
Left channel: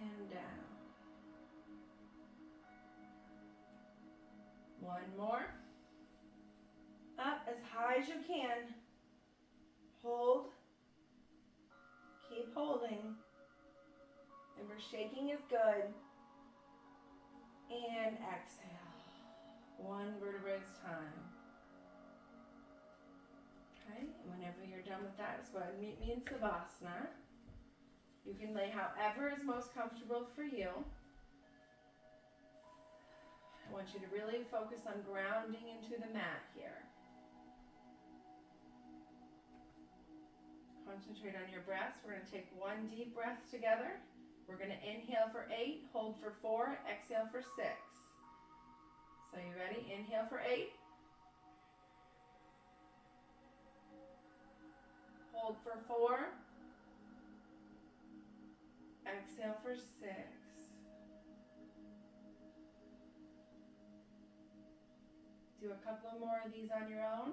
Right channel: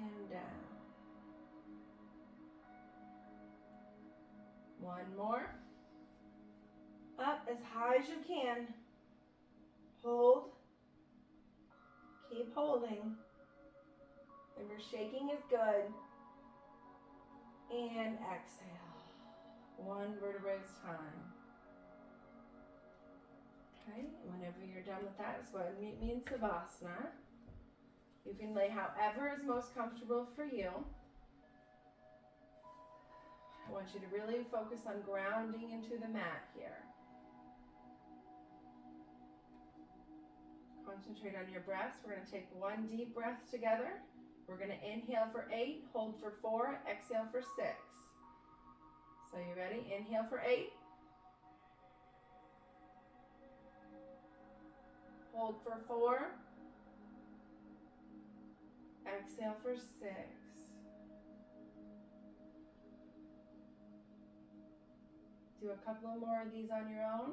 And down. One more. Up as high as you can. Hold. Keep holding. Remember, shaking is good. And exhale. One vertebrae at a time. Okay, whenever you're done with that, just go ahead and meet me in Savasana. You can lay however is most comfortable for you. I want you to really focus on grounding into the mat here. Concentrate on your breaths. We're going to take one deep breath together. We're going to inhale for 8, hold for 4, exhale for 6. So you ready? Inhale for 8. Hold for 4. Exhale for 6. Do a couple of more of these on your own.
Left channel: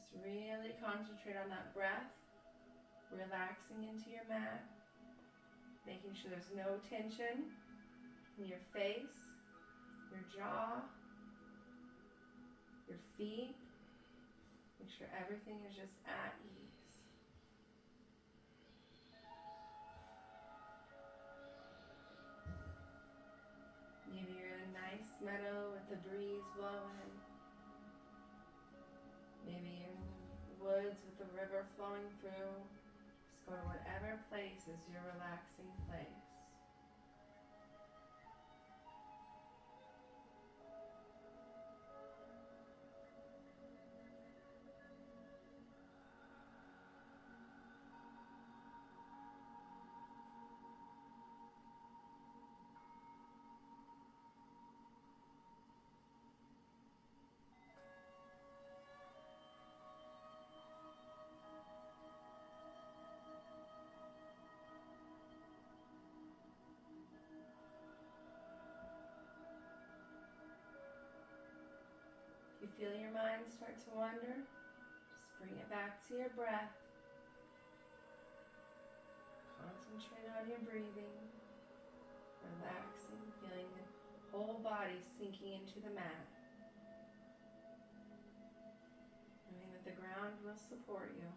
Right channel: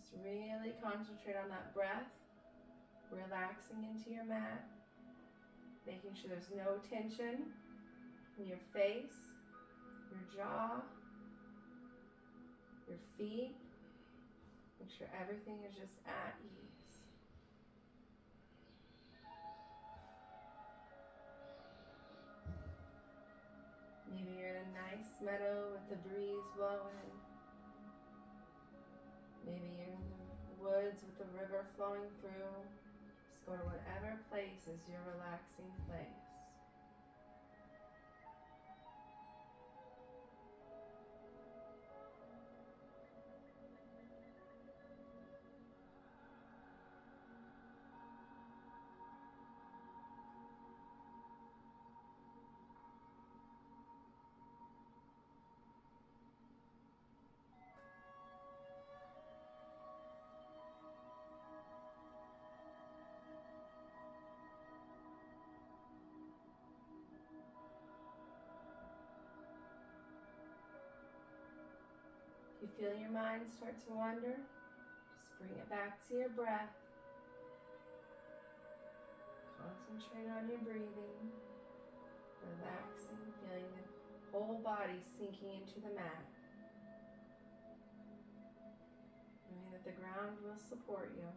Just really concentrate on that breath, relaxing into your mat, making sure there's no tension in your face, your jaw, your feet. Make sure everything is just at ease. Maybe you're in a nice meadow with the breeze blowing. Maybe you're in the woods with the river flowing through. Just Go to whatever place is your relaxing place. If you feel your mind start to wander, just bring it back to your breath. Concentrate on your breathing, relaxing, feeling the whole body sinking into the mat. Knowing that the ground will support you.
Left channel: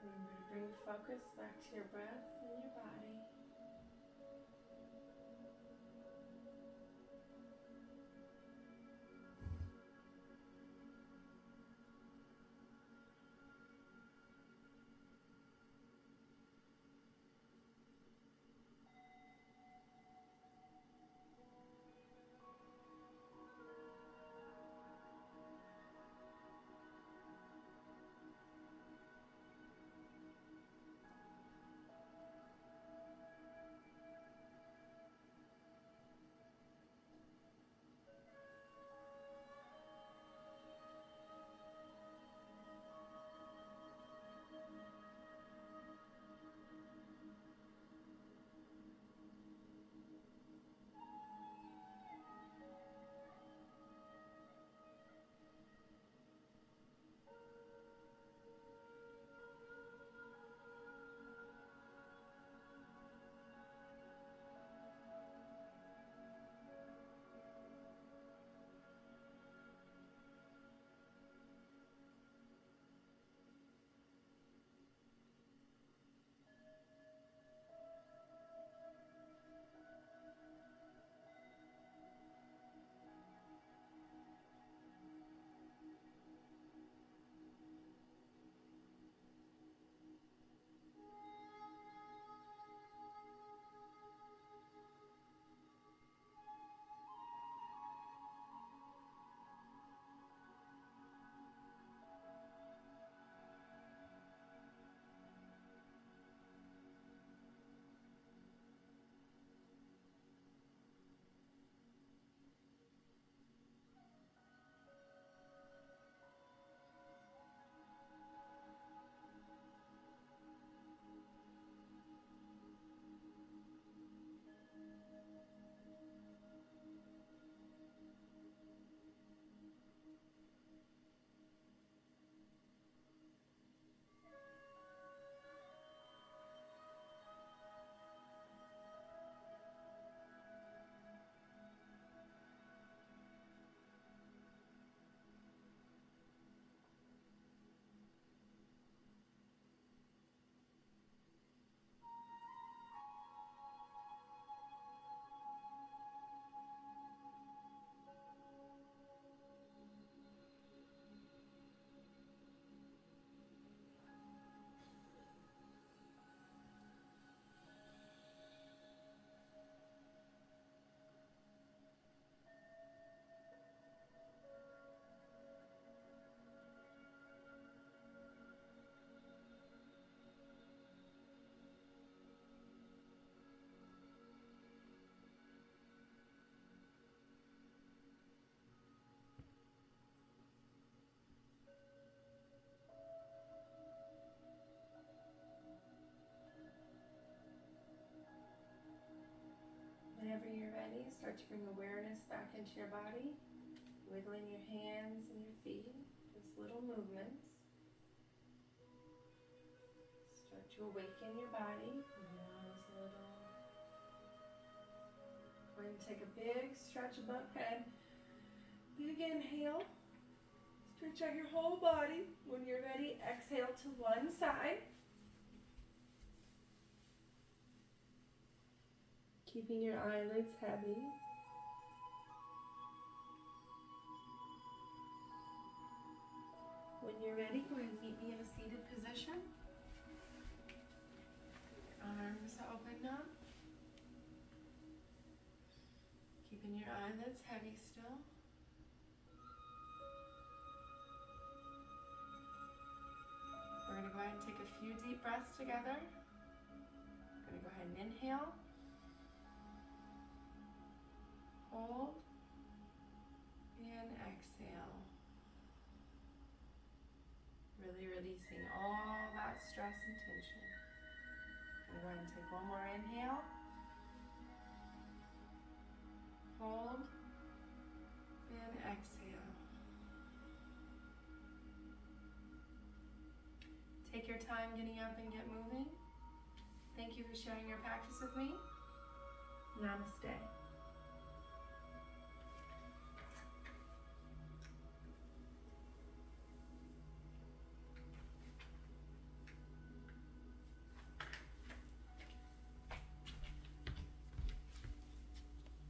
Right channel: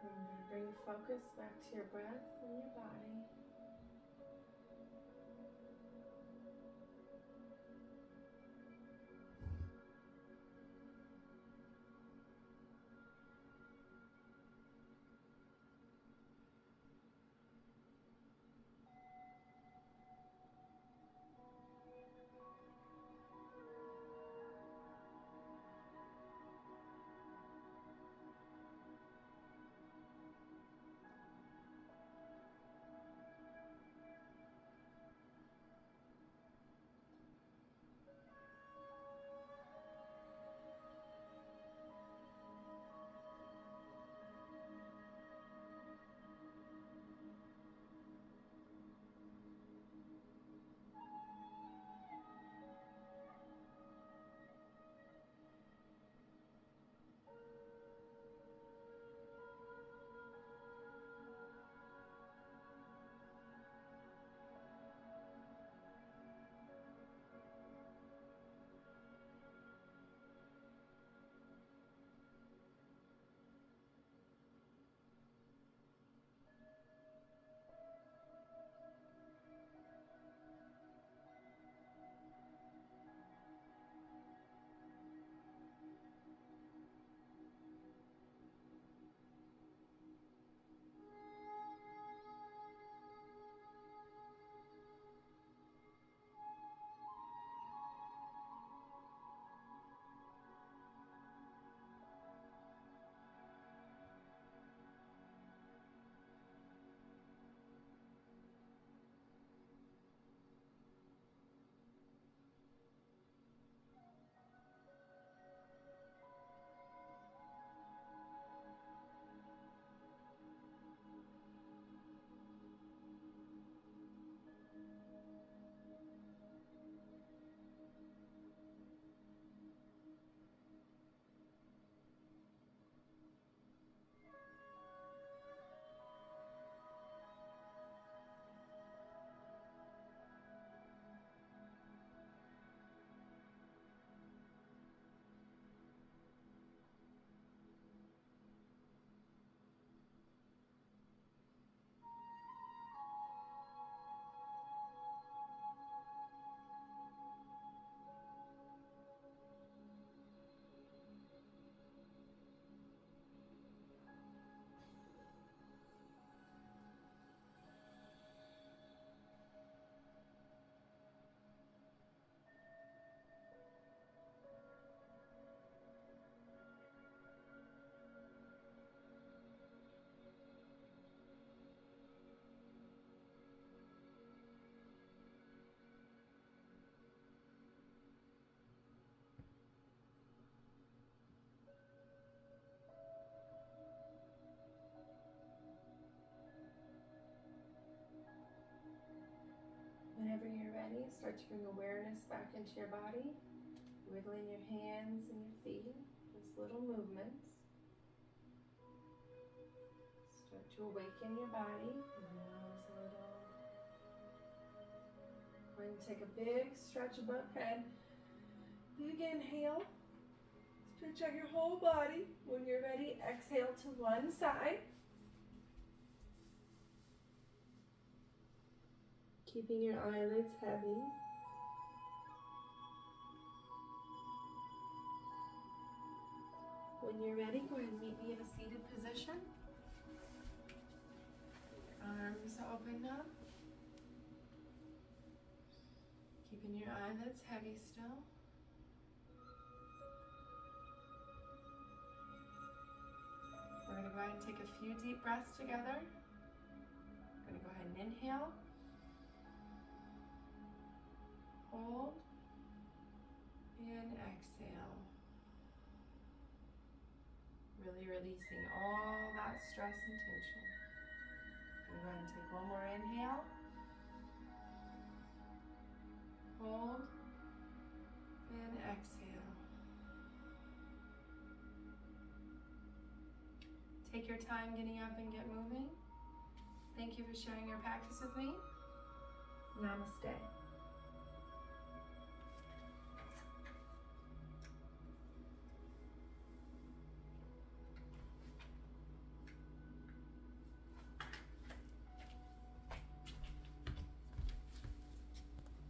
Remember to bring focus back to your breath and your body. start to bring awareness back into your body, wiggling your hands and your feet, just little movements. Start to awaken your body. Nose a little. Go ahead and take a big stretch above head. Big inhale. Stretch out your whole body. When you're ready, exhale to one side. Keeping your eyelids heavy. When you're ready, go ahead and meet me in a seated position. Arms open up. Keeping your eyelids heavy still. We're going to go ahead and take a few deep breaths together. We're going to go ahead and inhale. Hold. And exhale. Really releasing all that stress and tension. I'm going to go ahead and take one more inhale. Hold. And exhale. Take your time getting up and get moving. Thank you for sharing your practice with me. Namaste.